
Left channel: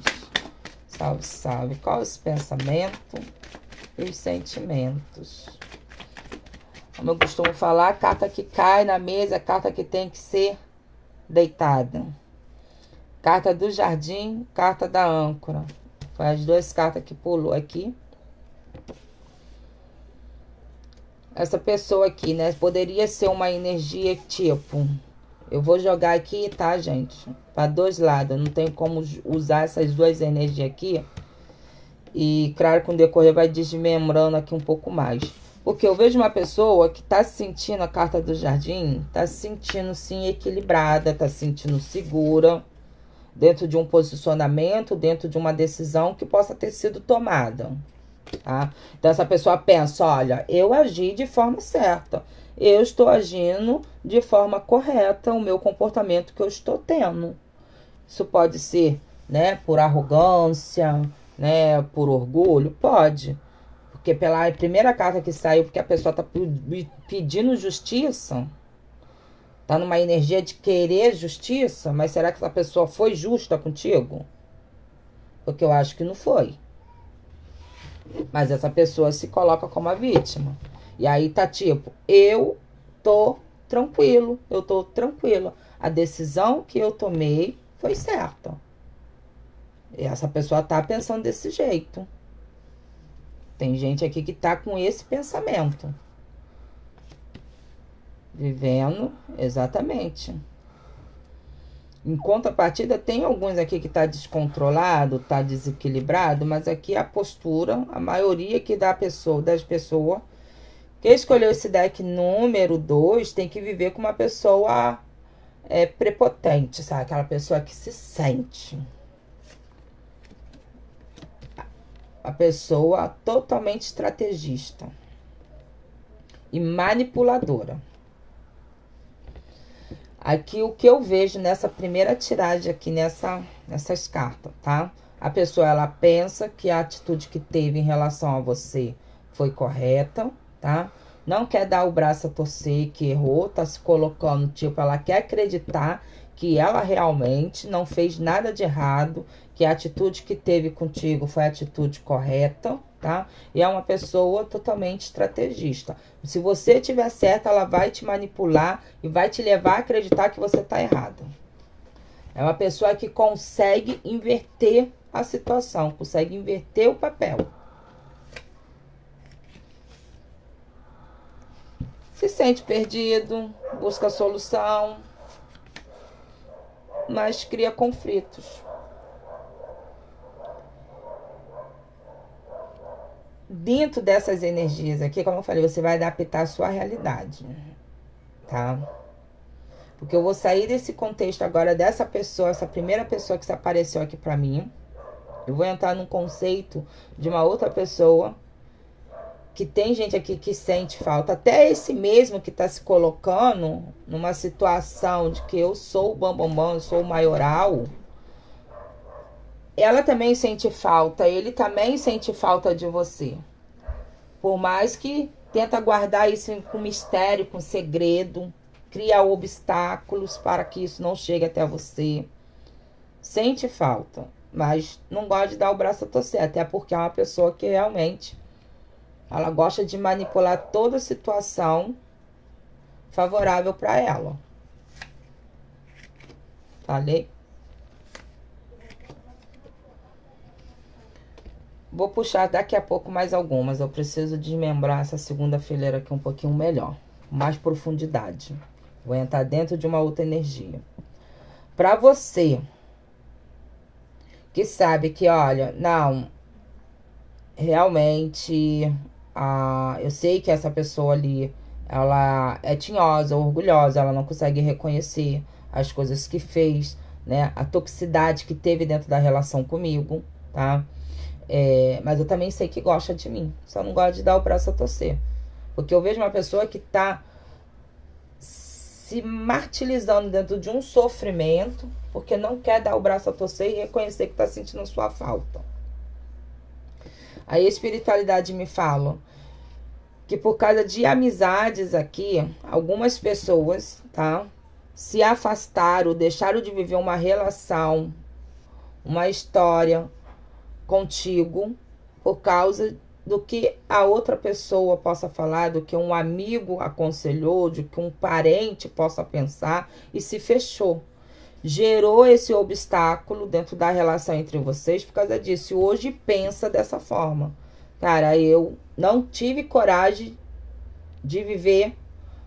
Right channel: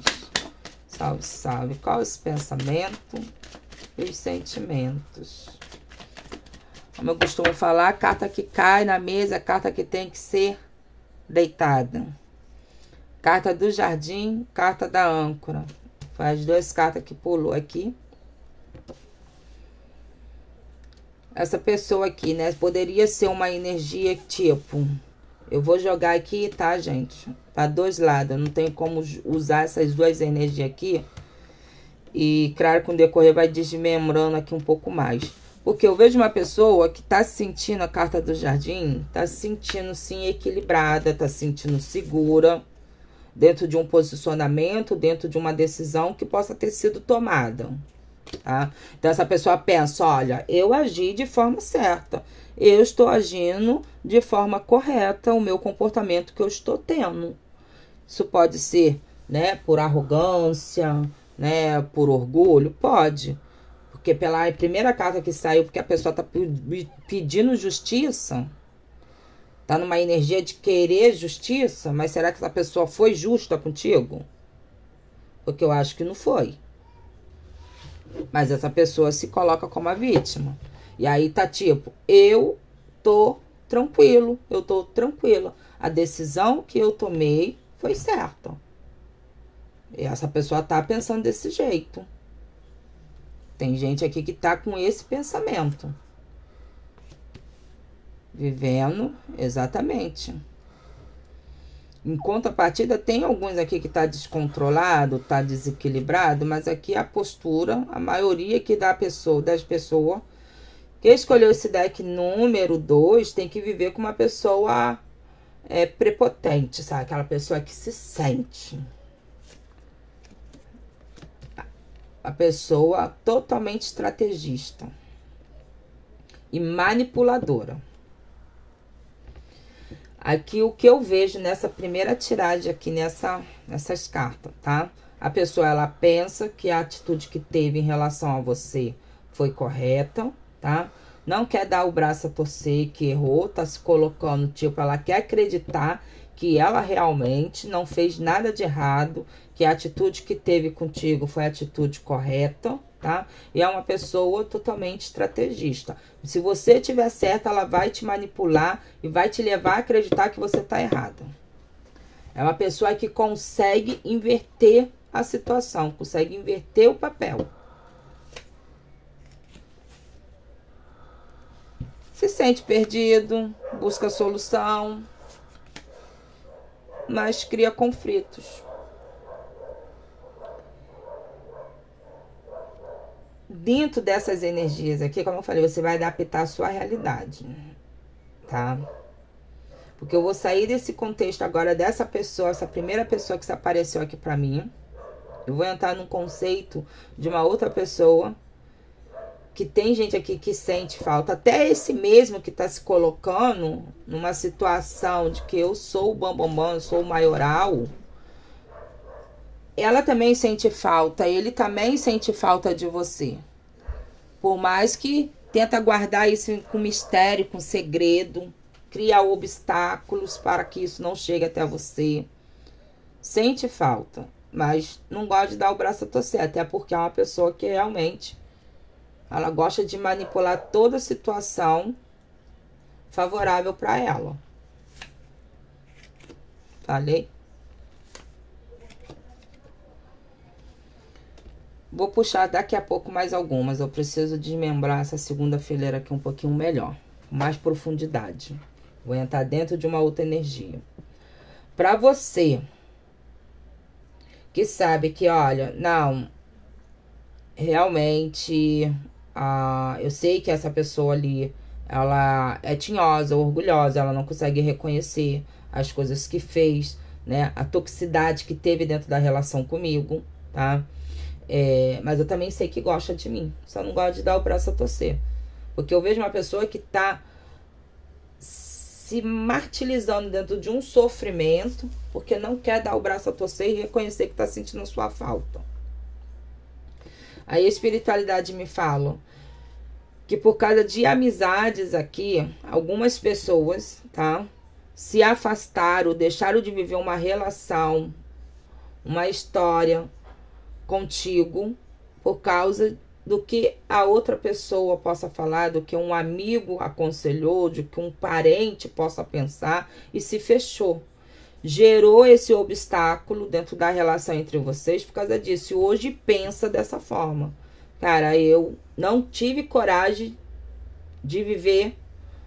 Salve, salve. Qual é esse pensamento e os sentimentos? Como eu costumo falar, a carta que cai na mesa é a carta que tem que ser deitada. Carta do jardim, carta da âncora. Foi as duas cartas que pulou aqui. Essa pessoa aqui, né? Poderia ser uma energia tipo... Eu vou jogar aqui, tá, gente? Para dois lados. Eu não tenho como usar essas duas energias aqui. E, claro, com o decorrer vai desmembrando aqui um pouco mais. Porque eu vejo uma pessoa que tá se sentindo, a carta do jardim, tá se sentindo, sim, equilibrada, tá se sentindo segura, dentro de um posicionamento, dentro de uma decisão que possa ter sido tomada, tá? Então, essa pessoa pensa, olha, eu agi de forma certa, eu estou agindo de forma correta, o meu comportamento que eu estou tendo. Isso pode ser, né, por arrogância, né, por orgulho, pode. Porque pela primeira carta que saiu, porque a pessoa tá pedindo justiça, tá numa energia de querer justiça, mas será que essa pessoa foi justa contigo? Porque eu acho que não foi. Mas essa pessoa se coloca como a vítima. E aí tá tipo, eu tô tranquilo, eu tô tranquila. A decisão que eu tomei foi certa. E essa pessoa tá pensando desse jeito. Tem gente aqui que tá com esse pensamento. Vivendo, exatamente. Em contrapartida, tem alguns aqui que tá descontrolado, tá desequilibrado, mas aqui a postura, a maioria aqui das pessoas que escolheu esse deck número 2, tem que viver com uma pessoa prepotente, sabe? Aquela pessoa que se sente. A pessoa totalmente estrategista e manipuladora. Aqui o que eu vejo nessa primeira tiragem aqui, nessas cartas, tá? A pessoa, ela pensa que a atitude que teve em relação a você foi correta, tá? Não quer dar o braço a torcer, que errou, tá se colocando, tipo, ela quer acreditar que ela realmente não fez nada de errado, que a atitude que teve contigo foi a atitude correta, tá? E é uma pessoa totalmente estrategista. Se você tiver certo, ela vai te manipular e vai te levar a acreditar que você tá errado. É uma pessoa que consegue inverter a situação, consegue inverter o papel. Se sente perdido, busca solução, mas cria conflitos. Dentro dessas energias aqui, como eu falei, você vai adaptar a sua realidade, tá? Porque eu vou sair desse contexto agora dessa pessoa, essa primeira pessoa que se apareceu aqui pra mim. Eu vou entrar num conceito de uma outra pessoa, que tem gente aqui que sente falta. Até esse mesmo que tá se colocando numa situação de que eu sou o bambambam, eu sou o maioral. Ela também sente falta, ele também sente falta de você. Por mais que tenta guardar isso com mistério, com segredo, cria obstáculos para que isso não chegue até você. Sente falta, mas não gosta de dar o braço a torcer, até porque é uma pessoa que realmente ela gosta de manipular toda a situação favorável para ela. Falei? Vou puxar daqui a pouco mais algumas. Eu preciso desmembrar essa segunda fileira aqui um pouquinho melhor. Com mais profundidade. Vou entrar dentro de uma outra energia. Para você que sabe que, olha, não, realmente, eu sei que essa pessoa ali, ela é tinhosa, orgulhosa, ela não consegue reconhecer as coisas que fez, né? A toxicidade que teve dentro da relação comigo, tá? Mas eu também sei que gosta de mim. Só não gosta de dar o braço a torcer. Porque eu vejo uma pessoa que tá se martirizando dentro de um sofrimento, porque não quer dar o braço a torcer e reconhecer que tá sentindo sua falta. Aí a espiritualidade me fala que por causa de amizades aqui, algumas pessoas, tá? Se afastaram, deixaram de viver uma relação, uma história contigo por causa do que a outra pessoa possa falar, do que um amigo aconselhou, do que um parente possa pensar, e se fechou. gerou esse obstáculo dentro da relação entre vocês por causa disso. E hoje pensa dessa forma. Cara, eu não tive coragem de viver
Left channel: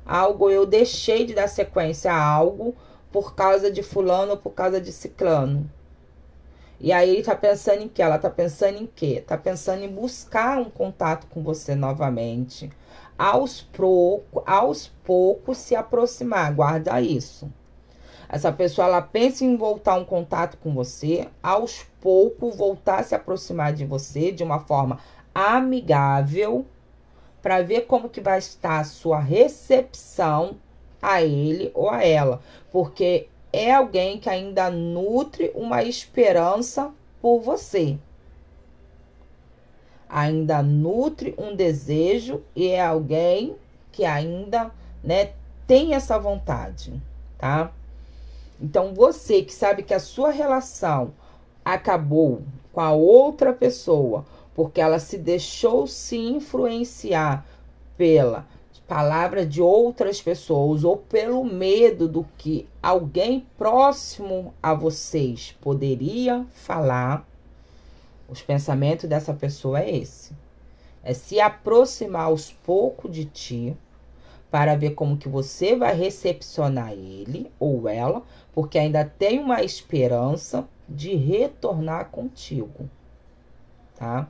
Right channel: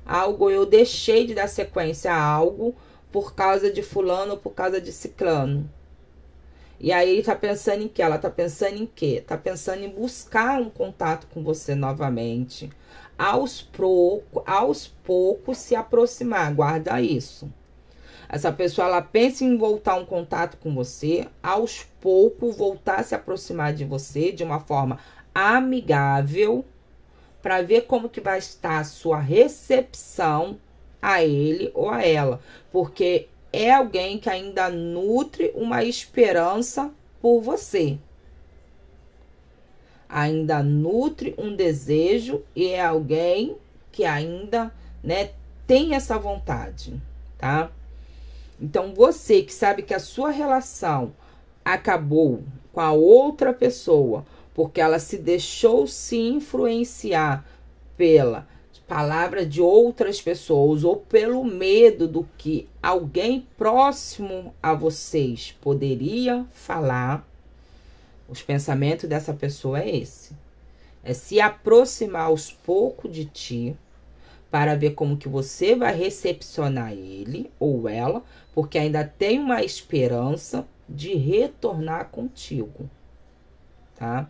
algo, eu deixei de dar sequência a algo por causa de fulano ou por causa de ciclano. E aí ele tá pensando em quê? Ela tá pensando em quê? Tá pensando em buscar um contato com você novamente. Aos poucos se aproximar. Guarda isso. Essa pessoa, ela pensa em voltar um contato com você. Aos poucos voltar a se aproximar de você de uma forma amigável. Para ver como que vai estar a sua recepção a ele ou a ela. Porque é alguém que ainda nutre uma esperança por você. Ainda nutre um desejo e é alguém que ainda, né, tem essa vontade, tá? Então, você que sabe que a sua relação acabou com a outra pessoa porque ela se deixou se influenciar pela palavra de outras pessoas ou pelo medo do que alguém próximo a vocês poderia falar, os pensamentos dessa pessoa é esse. É se aproximar aos poucos de ti para ver como que você vai recepcionar ele ou ela, porque ainda tem uma esperança de retornar contigo, tá?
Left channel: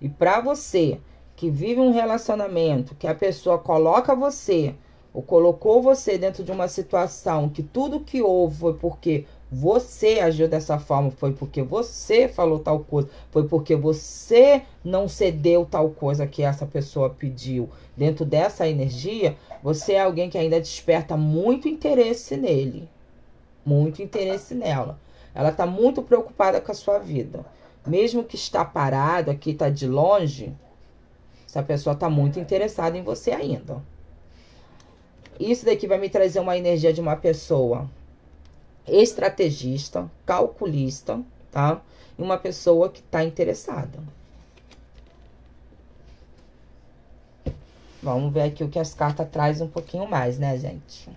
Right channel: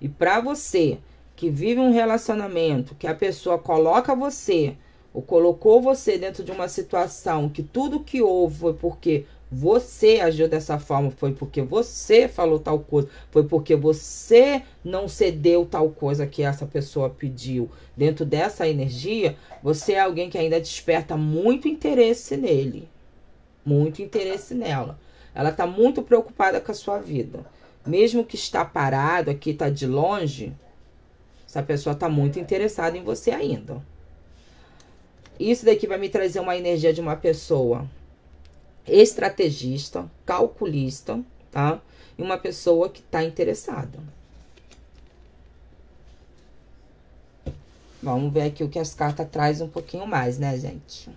E para você que vive um relacionamento, que a pessoa coloca você, ou colocou você dentro de uma situação que tudo que houve foi porque você agiu dessa forma, foi porque você falou tal coisa, foi porque você não cedeu tal coisa que essa pessoa pediu. Dentro dessa energia, você é alguém que ainda desperta muito interesse nele, muito interesse nela. Ela tá muito preocupada com a sua vida. Mesmo que está parado aqui, está de longe, essa pessoa está muito interessada em você ainda. Isso daqui vai me trazer uma energia de uma pessoa estrategista, calculista, tá? E uma pessoa que está interessada. Vamos ver aqui o que as cartas trazem um pouquinho mais, né, gente?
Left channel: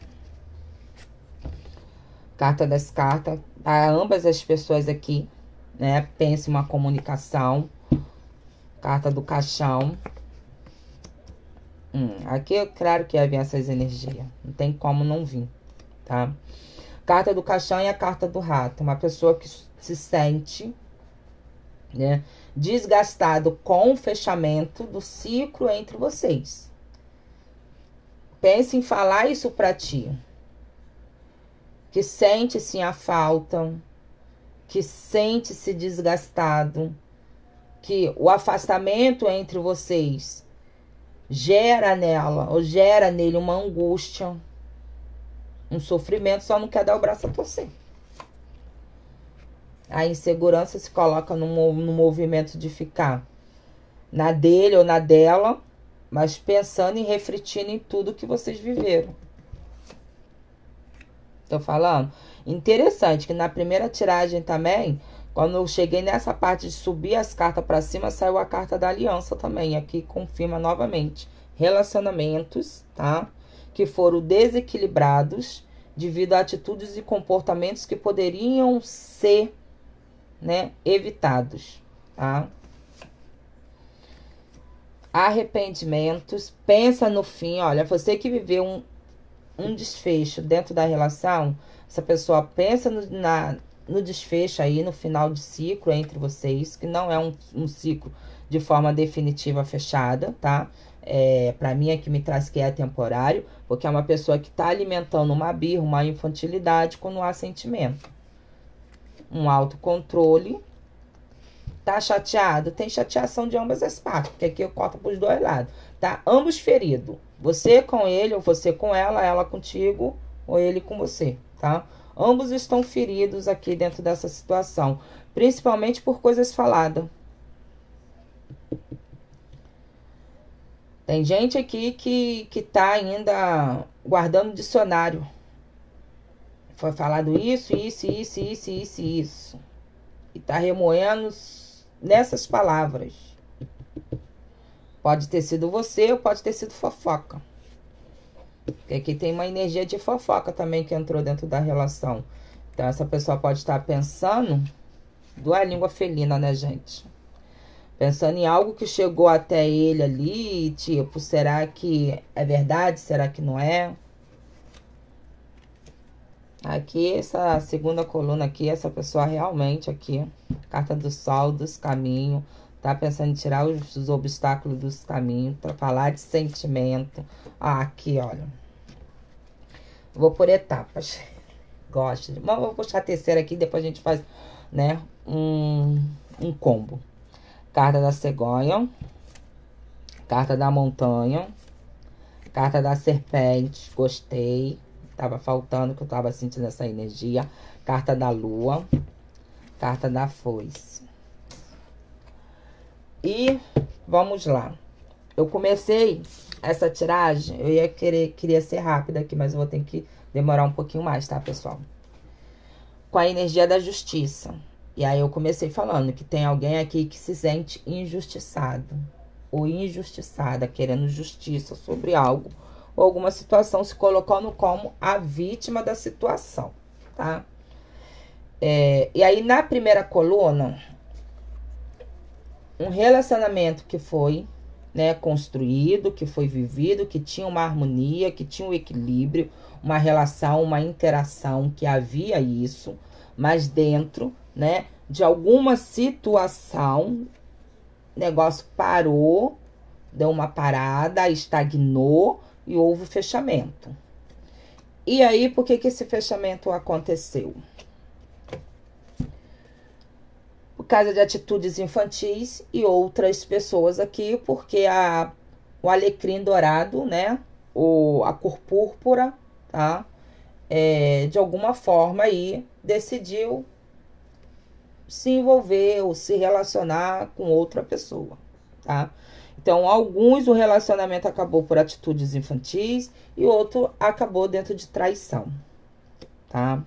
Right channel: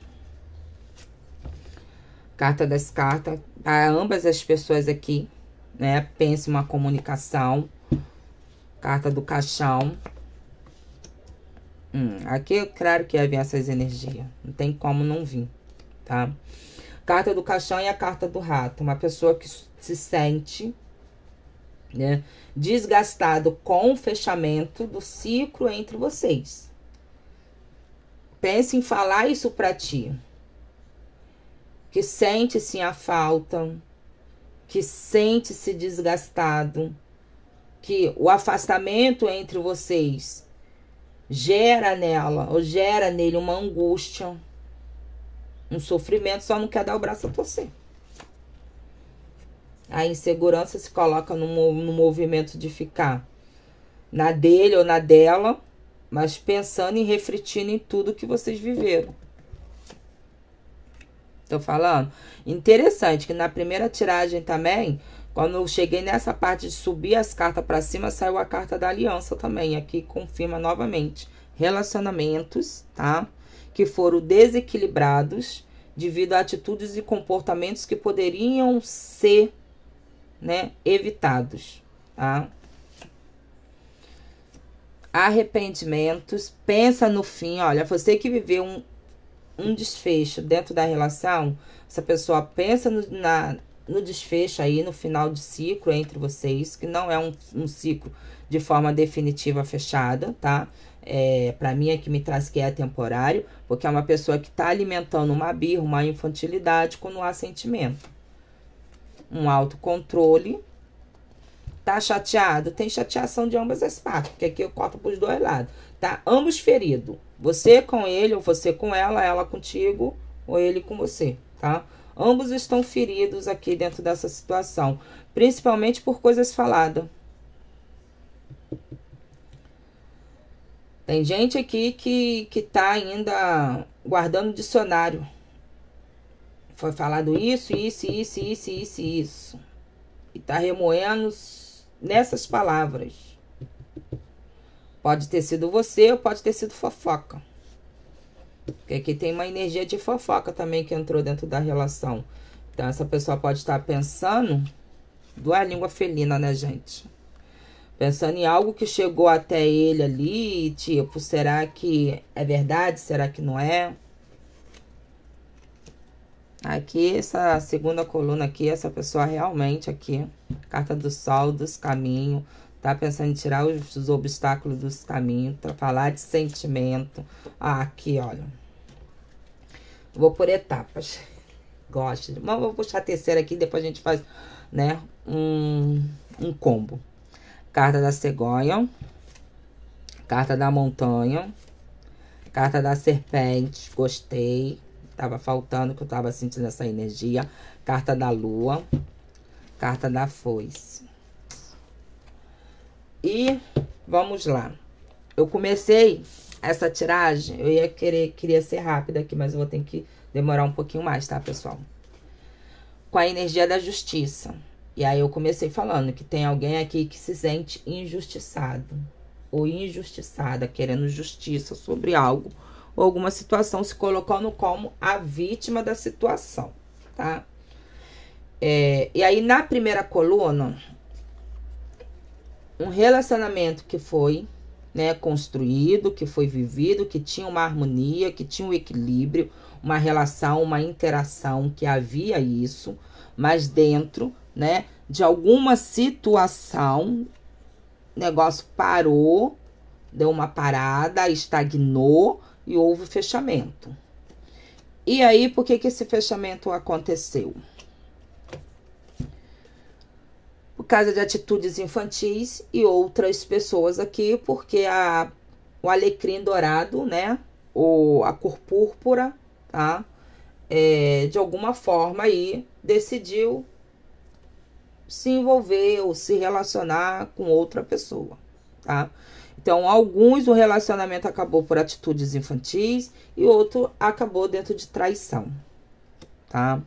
Carta das cartas, para ambas as pessoas aqui, né? Pense uma comunicação. Carta do caixão. Aqui, claro que vai vir essas energias. Não tem como não vir, tá? Carta do caixão e a carta do rato. Uma pessoa que se sente, né, desgastado com o fechamento do ciclo entre vocês. Pense em falar isso pra ti. Que sente sim a falta, que sente-se desgastado, que o afastamento entre vocês gera nela, ou gera nele uma angústia, um sofrimento, só não quer dar o braço a torcer. A insegurança se coloca no movimento de ficar na dele ou na dela, mas pensando e refletindo em tudo que vocês viveram. Tô falando? Interessante que na primeira tiragem também, quando eu cheguei nessa parte de subir as cartas para cima, saiu a carta da aliança também. Aqui confirma novamente relacionamentos, tá? Que foram desequilibrados devido a atitudes e comportamentos que poderiam ser, né, evitados, tá? Arrependimentos. Pensa no fim, olha, você que viveu um desfecho dentro da relação, essa pessoa pensa no desfecho aí, no final de ciclo entre vocês, que não é um ciclo de forma definitiva fechada, tá? Pra mim é que me traz que é temporário, porque é uma pessoa que tá alimentando uma birra, uma infantilidade quando há sentimento. Um autocontrole. Tá chateado? Tem chateação de ambas as partes, porque aqui eu corto pros dois lados, tá? Ambos feridos. Você com ele, ou você com ela contigo, ou ele com você, tá? Ambos estão feridos aqui dentro dessa situação, principalmente por coisas faladas. Tem gente aqui que tá ainda guardando dicionário. Foi falado isso. E tá remoendo nessas palavras. Pode ter sido você ou pode ter sido fofoca. Porque aqui tem uma energia de fofoca também que entrou dentro da relação. Então, essa pessoa pode estar pensando, a língua felina, né, gente? Pensando em algo que chegou até ele ali, tipo, será que é verdade? Será que não é? Aqui, essa segunda coluna aqui, essa pessoa realmente aqui, carta do sol, dos caminhos, tá pensando em tirar os obstáculos dos caminhos, pra falar de sentimento. Ah, aqui, olha. Vou por etapas. Gosto. Mas vou puxar a terceira aqui, depois a gente faz, né, um combo. Carta da cegonha, carta da montanha, carta da serpente, gostei. Tava faltando, que eu tava sentindo essa energia. Carta da lua, carta da foice. E vamos lá. Eu comecei essa tiragem, eu queria ser rápida aqui, mas eu vou ter que demorar um pouquinho mais, tá, pessoal? Com a energia da justiça. E aí eu comecei falando que tem alguém aqui que se sente injustiçado ou injustiçada, querendo justiça sobre algo ou alguma situação, se colocando como a vítima da situação, tá? E aí, na primeira coluna, um relacionamento que foi, né, construído, que foi vivido, que tinha uma harmonia, que tinha um equilíbrio, uma relação, uma interação, que havia isso, mas dentro, né, de alguma situação, o negócio parou, deu uma parada, estagnou e houve fechamento. E aí, por que esse fechamento aconteceu? Por causa de atitudes infantis e outras pessoas aqui, porque o alecrim dourado, né, a cor púrpura, tá, de alguma forma aí decidiu se envolver ou se relacionar com outra pessoa, tá? Então, o relacionamento acabou por atitudes infantis e outro acabou dentro de traição, tá?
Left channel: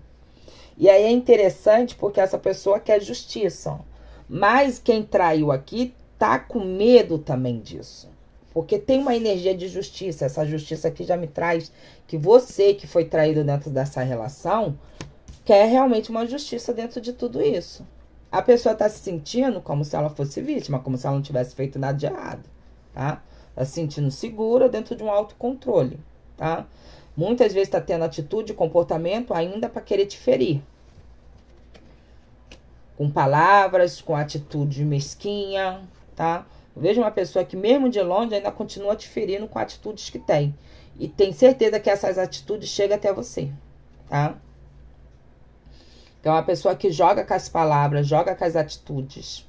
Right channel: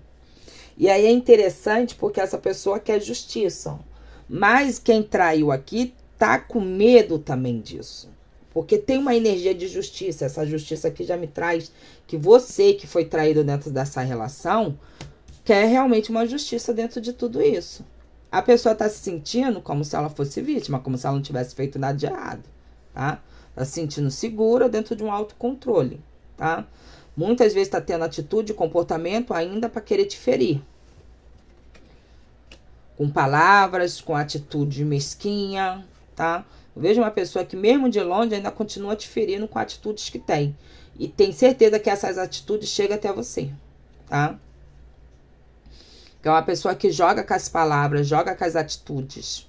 E aí é interessante porque essa pessoa quer justiça, mas quem traiu aqui tá com medo também disso. Porque tem uma energia de justiça, essa justiça aqui já me traz que você que foi traído dentro dessa relação quer realmente uma justiça dentro de tudo isso. A pessoa tá se sentindo como se ela fosse vítima, como se ela não tivesse feito nada de errado, tá? Tá se sentindo segura dentro de um autocontrole, tá? Muitas vezes tá tendo atitude e comportamento ainda para querer te ferir. Com palavras, com atitude mesquinha, tá? Eu vejo uma pessoa que mesmo de longe ainda continua te ferindo com atitudes que tem. E tem certeza que essas atitudes chegam até você, tá? Então, é uma pessoa que joga com as palavras, joga com as atitudes.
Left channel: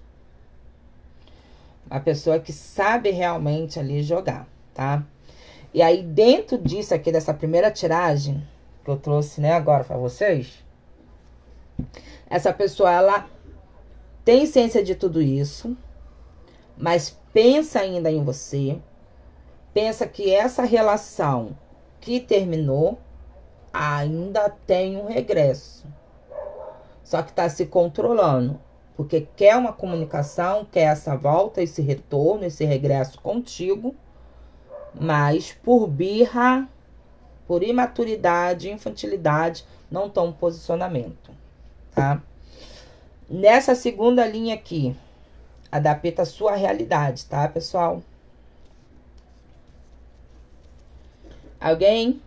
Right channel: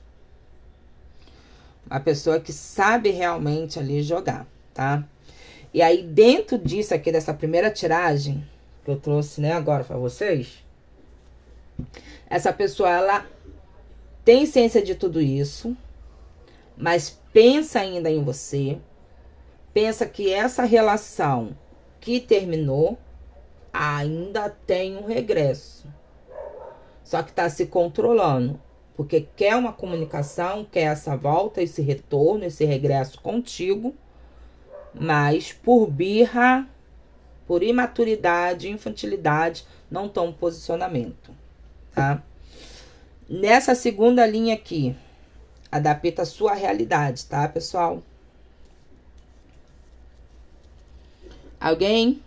Uma pessoa que sabe realmente ali jogar, tá? E aí, dentro disso aqui, dessa primeira tiragem que eu trouxe, né, agora pra vocês, essa pessoa, ela tem ciência de tudo isso, mas pensa ainda em você, pensa que essa relação que terminou ainda tem um regresso. Só que tá se controlando, porque quer uma comunicação, quer essa volta, esse retorno, esse regresso contigo, mas por birra, por imaturidade, infantilidade, não estão em posicionamento, tá? Nessa segunda linha aqui, adapta a sua realidade, tá, pessoal? Alguém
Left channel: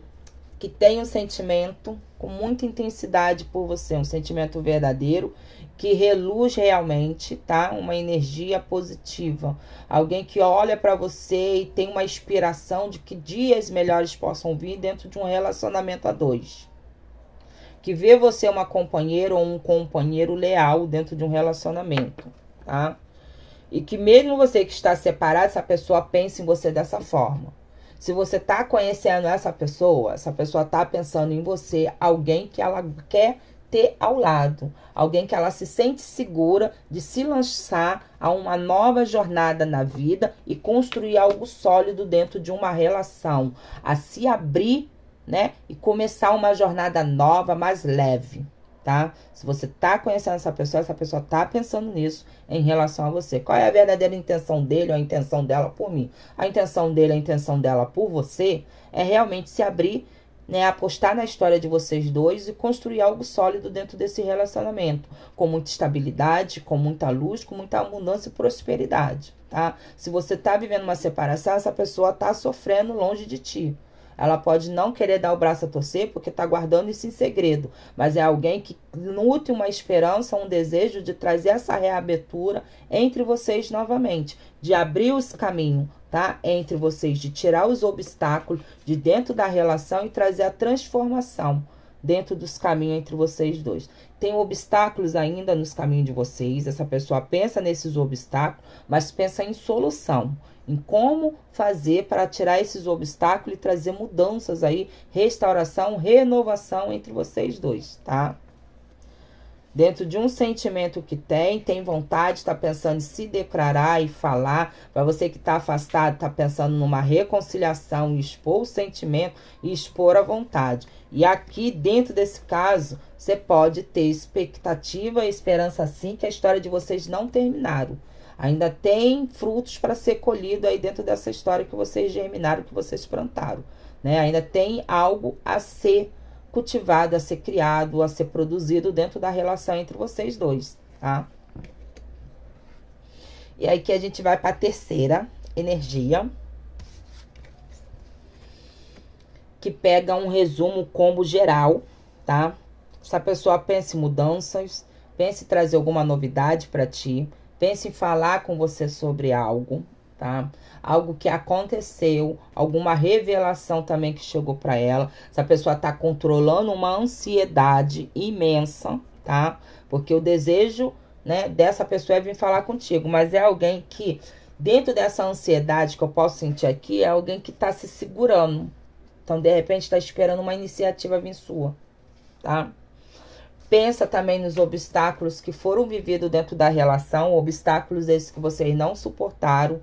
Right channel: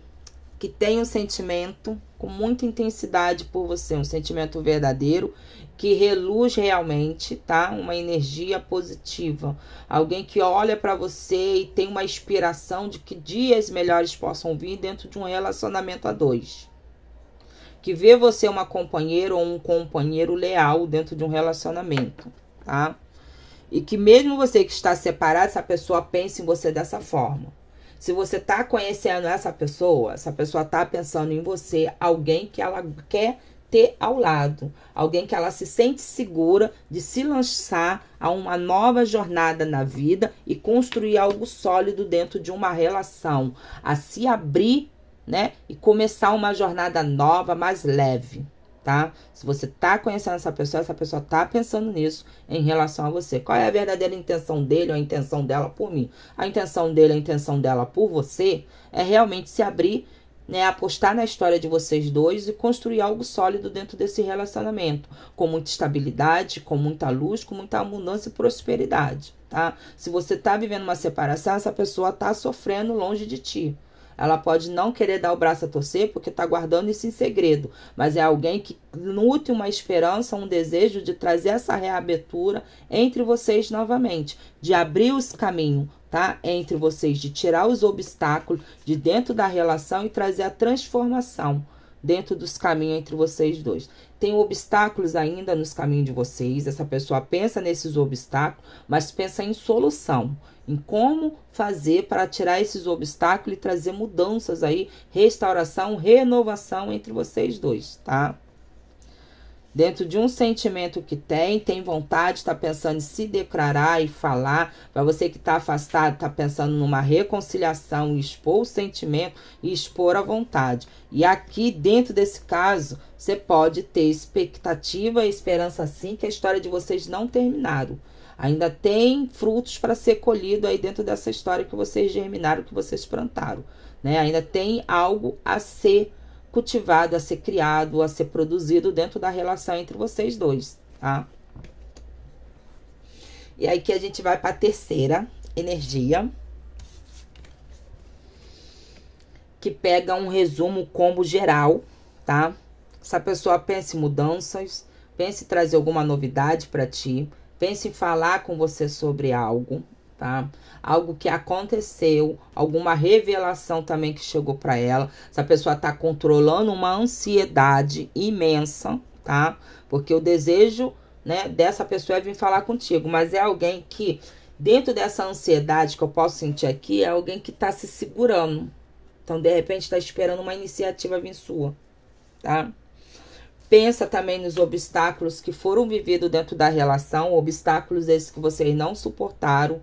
que tem um sentimento com muita intensidade por você, um sentimento verdadeiro, que reluz realmente, tá? Uma energia positiva. Alguém que olha para você e tem uma inspiração de que dias melhores possam vir dentro de um relacionamento a dois. Que vê você uma companheira ou um companheiro leal dentro de um relacionamento, tá? E que mesmo você que está separado, essa pessoa pensa em você dessa forma. Se você tá conhecendo essa pessoa tá pensando em você, alguém que ela quer ter ao lado. Alguém que ela se sente segura de se lançar a uma nova jornada na vida e construir algo sólido dentro de uma relação. A se abrir, né? E começar uma jornada nova, mais leve, tá? Se você tá conhecendo essa pessoa tá pensando nisso em relação a você. Qual é a verdadeira intenção dele ou a intenção dela por mim? A intenção dele, a intenção dela por você é realmente se abrir né, apostar na história de vocês dois e construir algo sólido dentro desse relacionamento, com muita estabilidade, com muita luz, com muita abundância e prosperidade, tá? Se você tá vivendo uma separação, essa pessoa tá sofrendo longe de ti. Ela pode não querer dar o braço a torcer porque tá guardando isso em segredo, mas é alguém que nutre uma esperança, um desejo de trazer essa reabertura entre vocês novamente, de abrir os caminhos, tá? Entre vocês, de tirar os obstáculos de dentro da relação e trazer a transformação dentro dos caminhos entre vocês dois. Tem obstáculos ainda nos caminhos de vocês, essa pessoa pensa nesses obstáculos, mas pensa em solução, em como fazer para tirar esses obstáculos e trazer mudanças aí, restauração, renovação entre vocês dois, tá? Dentro de um sentimento que tem vontade, está pensando em se declarar e falar. Para você que está afastado, está pensando numa reconciliação, expor o sentimento e expor a vontade. E aqui, dentro desse caso, você pode ter expectativa e esperança sim que a história de vocês não terminaram. Ainda tem frutos para ser colhido aí dentro dessa história que vocês germinaram, que vocês plantaram, né? Ainda tem algo a ser cultivado, a ser criado, a ser produzido dentro da relação entre vocês dois, tá? E aí que a gente vai para a terceira energia, que pega um resumo combo geral, tá? Essa pessoa pensa em mudanças, pensa em trazer alguma novidade para ti, pensa em falar com você sobre algo, tá? Algo que aconteceu, alguma revelação também que chegou para ela. Essa pessoa tá controlando uma ansiedade imensa, tá? Porque o desejo, né, dessa pessoa é vir falar contigo, mas é alguém que, dentro dessa ansiedade que eu posso sentir aqui, é alguém que tá se segurando. Então, de repente, tá esperando uma iniciativa vir sua, tá? Pensa também nos obstáculos que foram vividos dentro da relação, obstáculos esses que vocês não suportaram,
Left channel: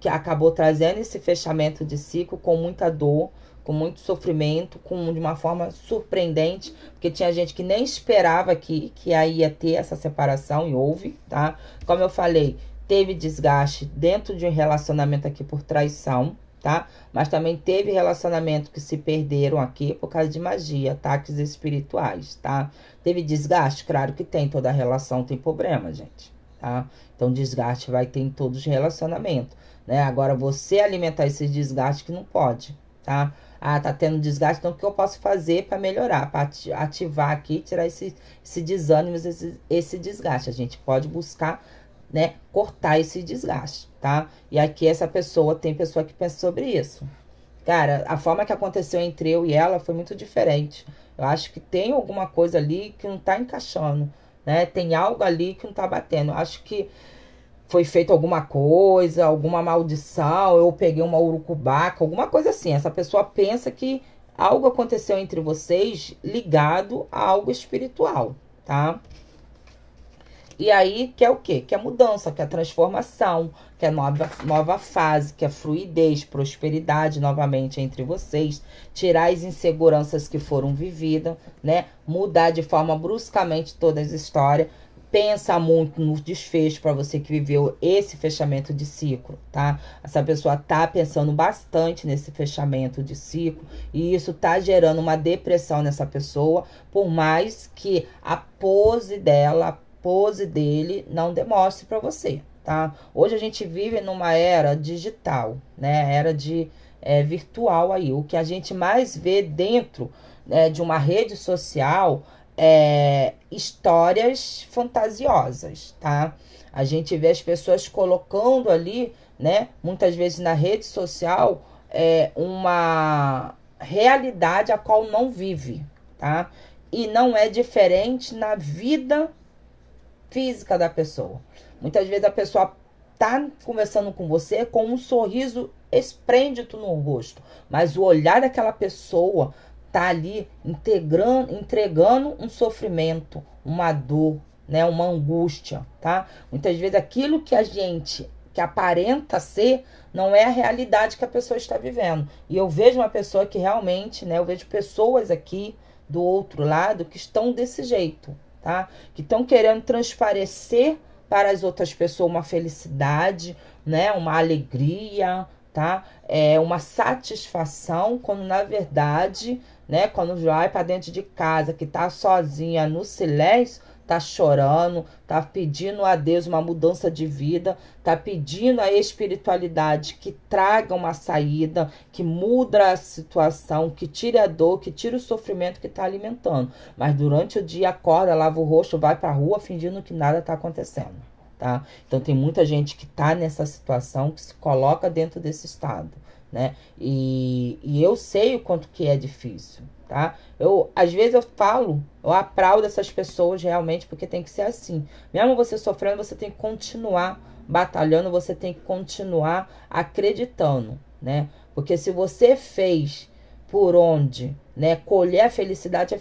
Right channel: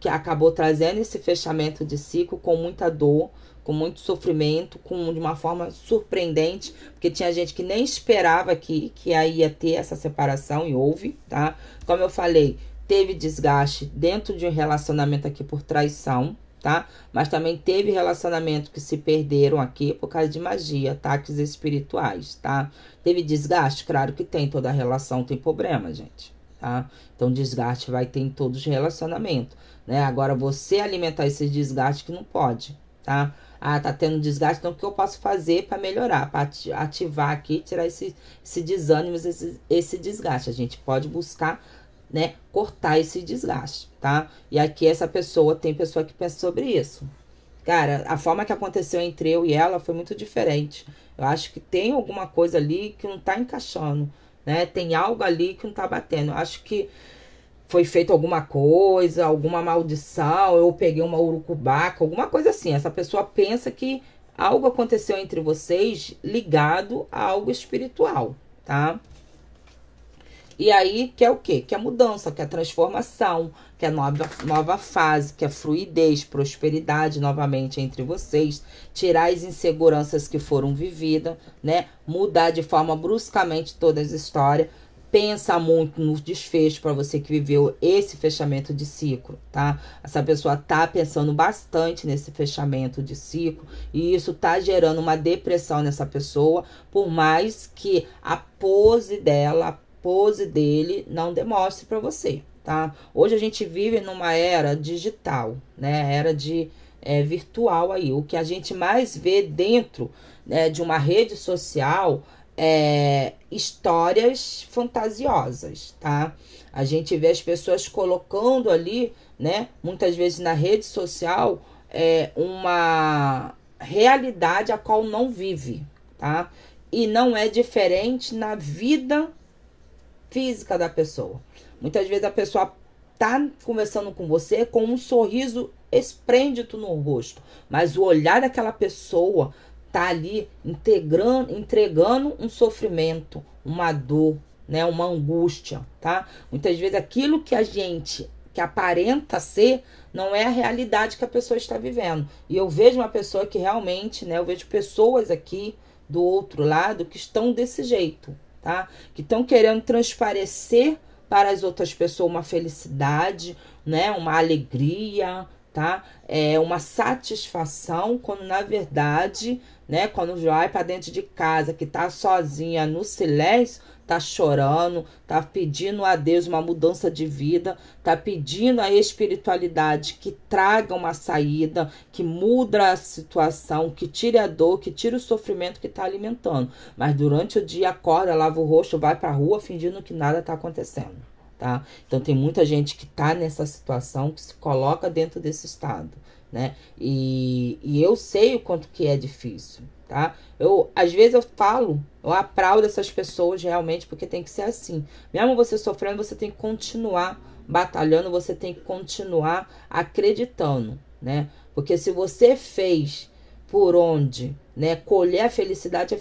que acabou trazendo esse fechamento de ciclo com muita dor, com muito sofrimento, de uma forma surpreendente, porque tinha gente que nem esperava que aí ia ter essa separação e houve, tá? Como eu falei, teve desgaste dentro de um relacionamento aqui por traição, tá? Mas também teve relacionamento que se perderam aqui por causa de magia, ataques espirituais, tá? Teve desgaste? Claro que tem, toda relação tem problema, gente, tá? Então, desgaste vai ter em todos os relacionamentos, né? Agora, você alimentar esse desgaste que não pode, tá? Ah, tá tendo desgaste, então o que eu posso fazer para melhorar, para ativar aqui, tirar esse desânimo, esse desgaste? A gente pode buscar, né, cortar esse desgaste, tá? E aqui tem pessoa que pensa sobre isso. Cara, a forma que aconteceu entre eu e ela foi muito diferente. Eu acho que tem alguma coisa ali que não tá encaixando, né? Tem algo ali que não tá batendo. Eu acho que foi feito alguma coisa, alguma maldição, eu peguei uma urucubaca, alguma coisa assim. Essa pessoa pensa que algo aconteceu entre vocês ligado a algo espiritual, tá? E aí, que é o quê? Que é mudança, que é transformação, que é nova fase, que é fluidez, prosperidade novamente entre vocês, tirar as inseguranças que foram vividas, né? Mudar de forma bruscamente toda essa história. Pensa muito no desfecho para você que viveu esse fechamento de ciclo, tá? Essa pessoa tá pensando bastante nesse fechamento de ciclo e isso tá gerando uma depressão nessa pessoa, por mais que a pose dele não demonstre para você, tá? Hoje a gente vive numa era digital, né? Era virtual aí. O que a gente mais vê dentro, né, de uma rede social histórias fantasiosas, tá? A gente vê as pessoas colocando ali, né, muitas vezes na rede social, uma realidade a qual não vive, tá? E não é diferente na vida física da pessoa. Muitas vezes a pessoa tá conversando com você com um sorriso esplêndido no rosto, mas o olhar daquela pessoa tá ali entregando um sofrimento, uma dor, né, uma angústia, tá? Muitas vezes aquilo que aparenta ser não é a realidade que a pessoa está vivendo. E eu vejo uma pessoa que realmente, né, eu vejo pessoas aqui do outro lado que estão desse jeito, tá? Que estão querendo transparecer para as outras pessoas uma felicidade, né, uma alegria, tá? É uma satisfação, quando na verdade, né, quando vai para dentro de casa, que tá sozinha no silêncio, tá chorando, tá pedindo a Deus uma mudança de vida, tá pedindo a espiritualidade que traga uma saída, que muda a situação, que tire a dor, que tire o sofrimento que tá alimentando. Mas durante o dia acorda, lava o rosto, vai pra rua fingindo que nada tá acontecendo, tá? Então tem muita gente que tá nessa situação, que se coloca dentro desse estado, né? E eu sei o quanto que é difícil, tá? Às vezes eu aplaudo essas pessoas realmente, porque tem que ser assim. Mesmo você sofrendo, você tem que continuar batalhando, você tem que continuar acreditando, né? Porque se você fez por onde, né, colher a felicidade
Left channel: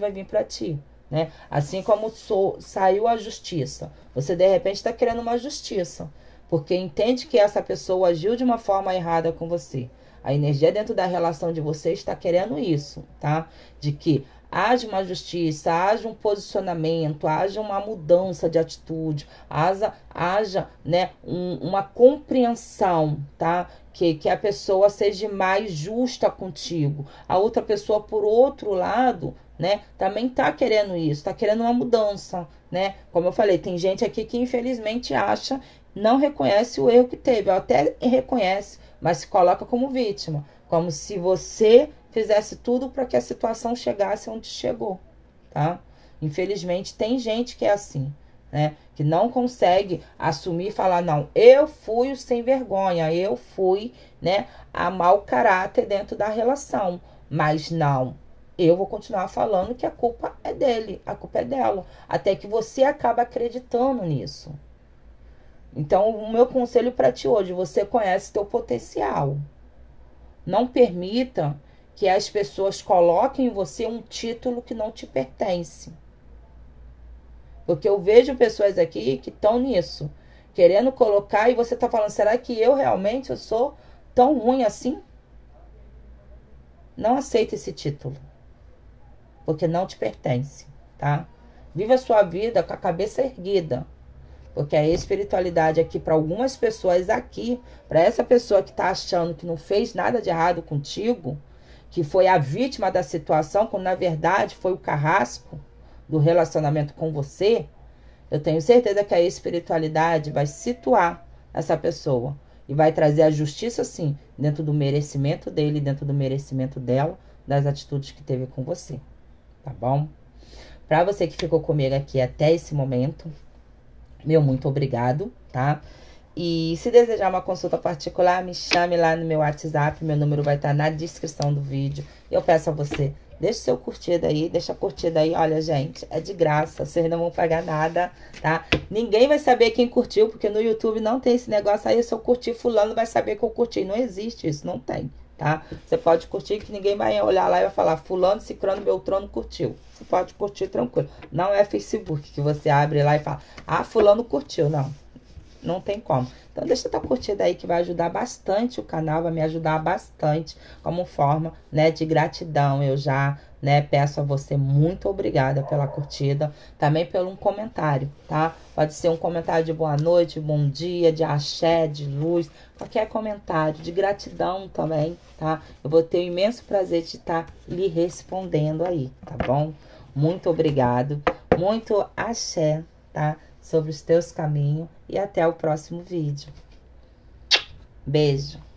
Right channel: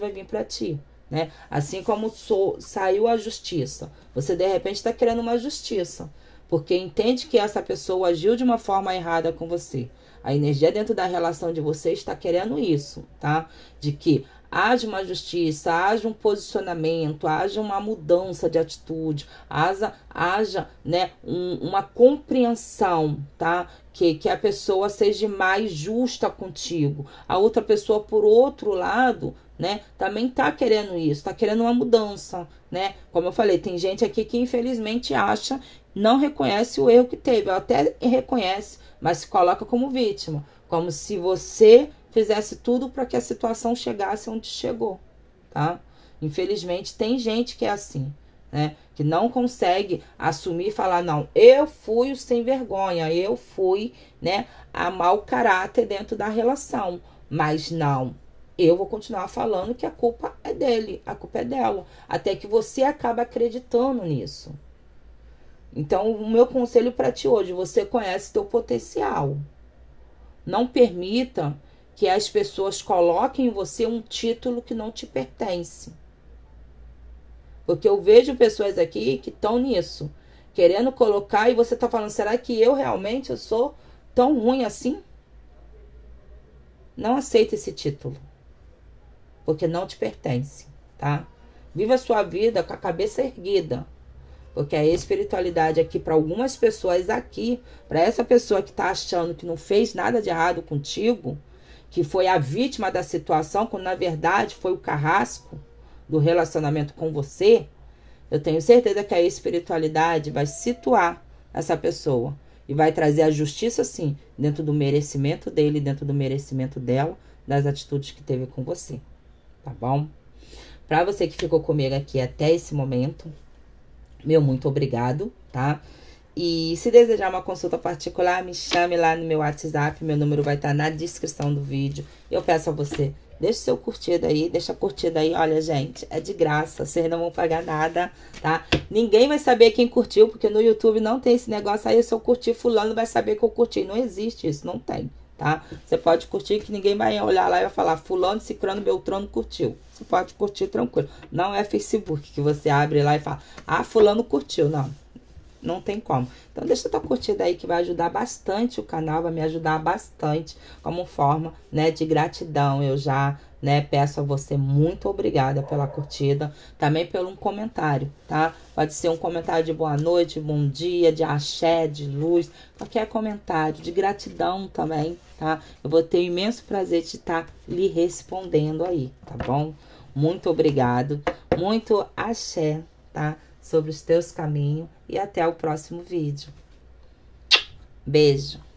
vai vir para ti, né? Assim como saiu a justiça, você de repente está querendo uma justiça, porque entende que essa pessoa agiu de uma forma errada com você. A energia dentro da relação de vocês está querendo isso, tá? De que haja uma justiça, haja um posicionamento, haja uma mudança de atitude, haja né, uma compreensão, tá? Que a pessoa seja mais justa contigo. A outra pessoa, por outro lado, né, também tá querendo isso, tá querendo uma mudança, né? Como eu falei, tem gente aqui que infelizmente não reconhece o erro que teve, até reconhece, mas se coloca como vítima, como se você fizesse tudo para que a situação chegasse onde chegou, tá? Infelizmente tem gente que é assim, né? Que não consegue assumir e falar, não, eu fui o sem vergonha, eu fui, né, a mau caráter dentro da relação, mas não, eu vou continuar falando que a culpa é dele, a culpa é dela, até que você acaba acreditando nisso. Então, o meu conselho para ti hoje, você conhece teu potencial. Não permita que as pessoas coloquem em você um título que não te pertence. Porque eu vejo pessoas aqui que estão nisso, querendo colocar, e você está falando, será que eu realmente sou tão ruim assim? Não aceita esse título, porque não te pertence, tá? Viva a sua vida com a cabeça erguida. Porque a espiritualidade aqui, para algumas pessoas aqui, para essa pessoa que está achando que não fez nada de errado contigo, que foi a vítima da situação, quando na verdade foi o carrasco do relacionamento com você, eu tenho certeza que a espiritualidade vai situar essa pessoa e vai trazer a justiça, sim, dentro do merecimento dele, dentro do merecimento dela, das atitudes que teve com você, tá bom? Para você que ficou comigo aqui até esse momento, meu muito obrigado, tá? E se desejar uma consulta particular, me chame lá no meu WhatsApp, meu número vai estar na descrição do vídeo. Eu peço a você, deixe seu curtida aí, deixa a curtida aí. Olha, gente, é de graça, vocês não vão pagar nada, tá? Ninguém vai saber quem curtiu, porque no YouTube não tem esse negócio aí, se eu curtir fulano vai saber que eu curti. Não existe isso, não tem, tá? Você pode curtir que ninguém vai olhar lá e vai falar fulano, cicrano, beltrano curtiu. Você pode curtir tranquilo. Não é Facebook que você abre lá e fala, ah, fulano curtiu. Não, não tem como. Então deixa tua curtida aí que vai ajudar bastante o canal, vai me ajudar bastante como forma, né, de gratidão. Eu já, né, peço a você muito obrigada pela curtida, também pelo um comentário, tá? Pode ser um comentário de boa noite, bom dia, de axé, de luz, qualquer comentário, de gratidão também, tá? Eu vou ter o imenso prazer de estar lhe respondendo aí, tá bom? Muito obrigado, muito axé, tá? Sobre os teus caminhos e até o próximo vídeo. Beijo!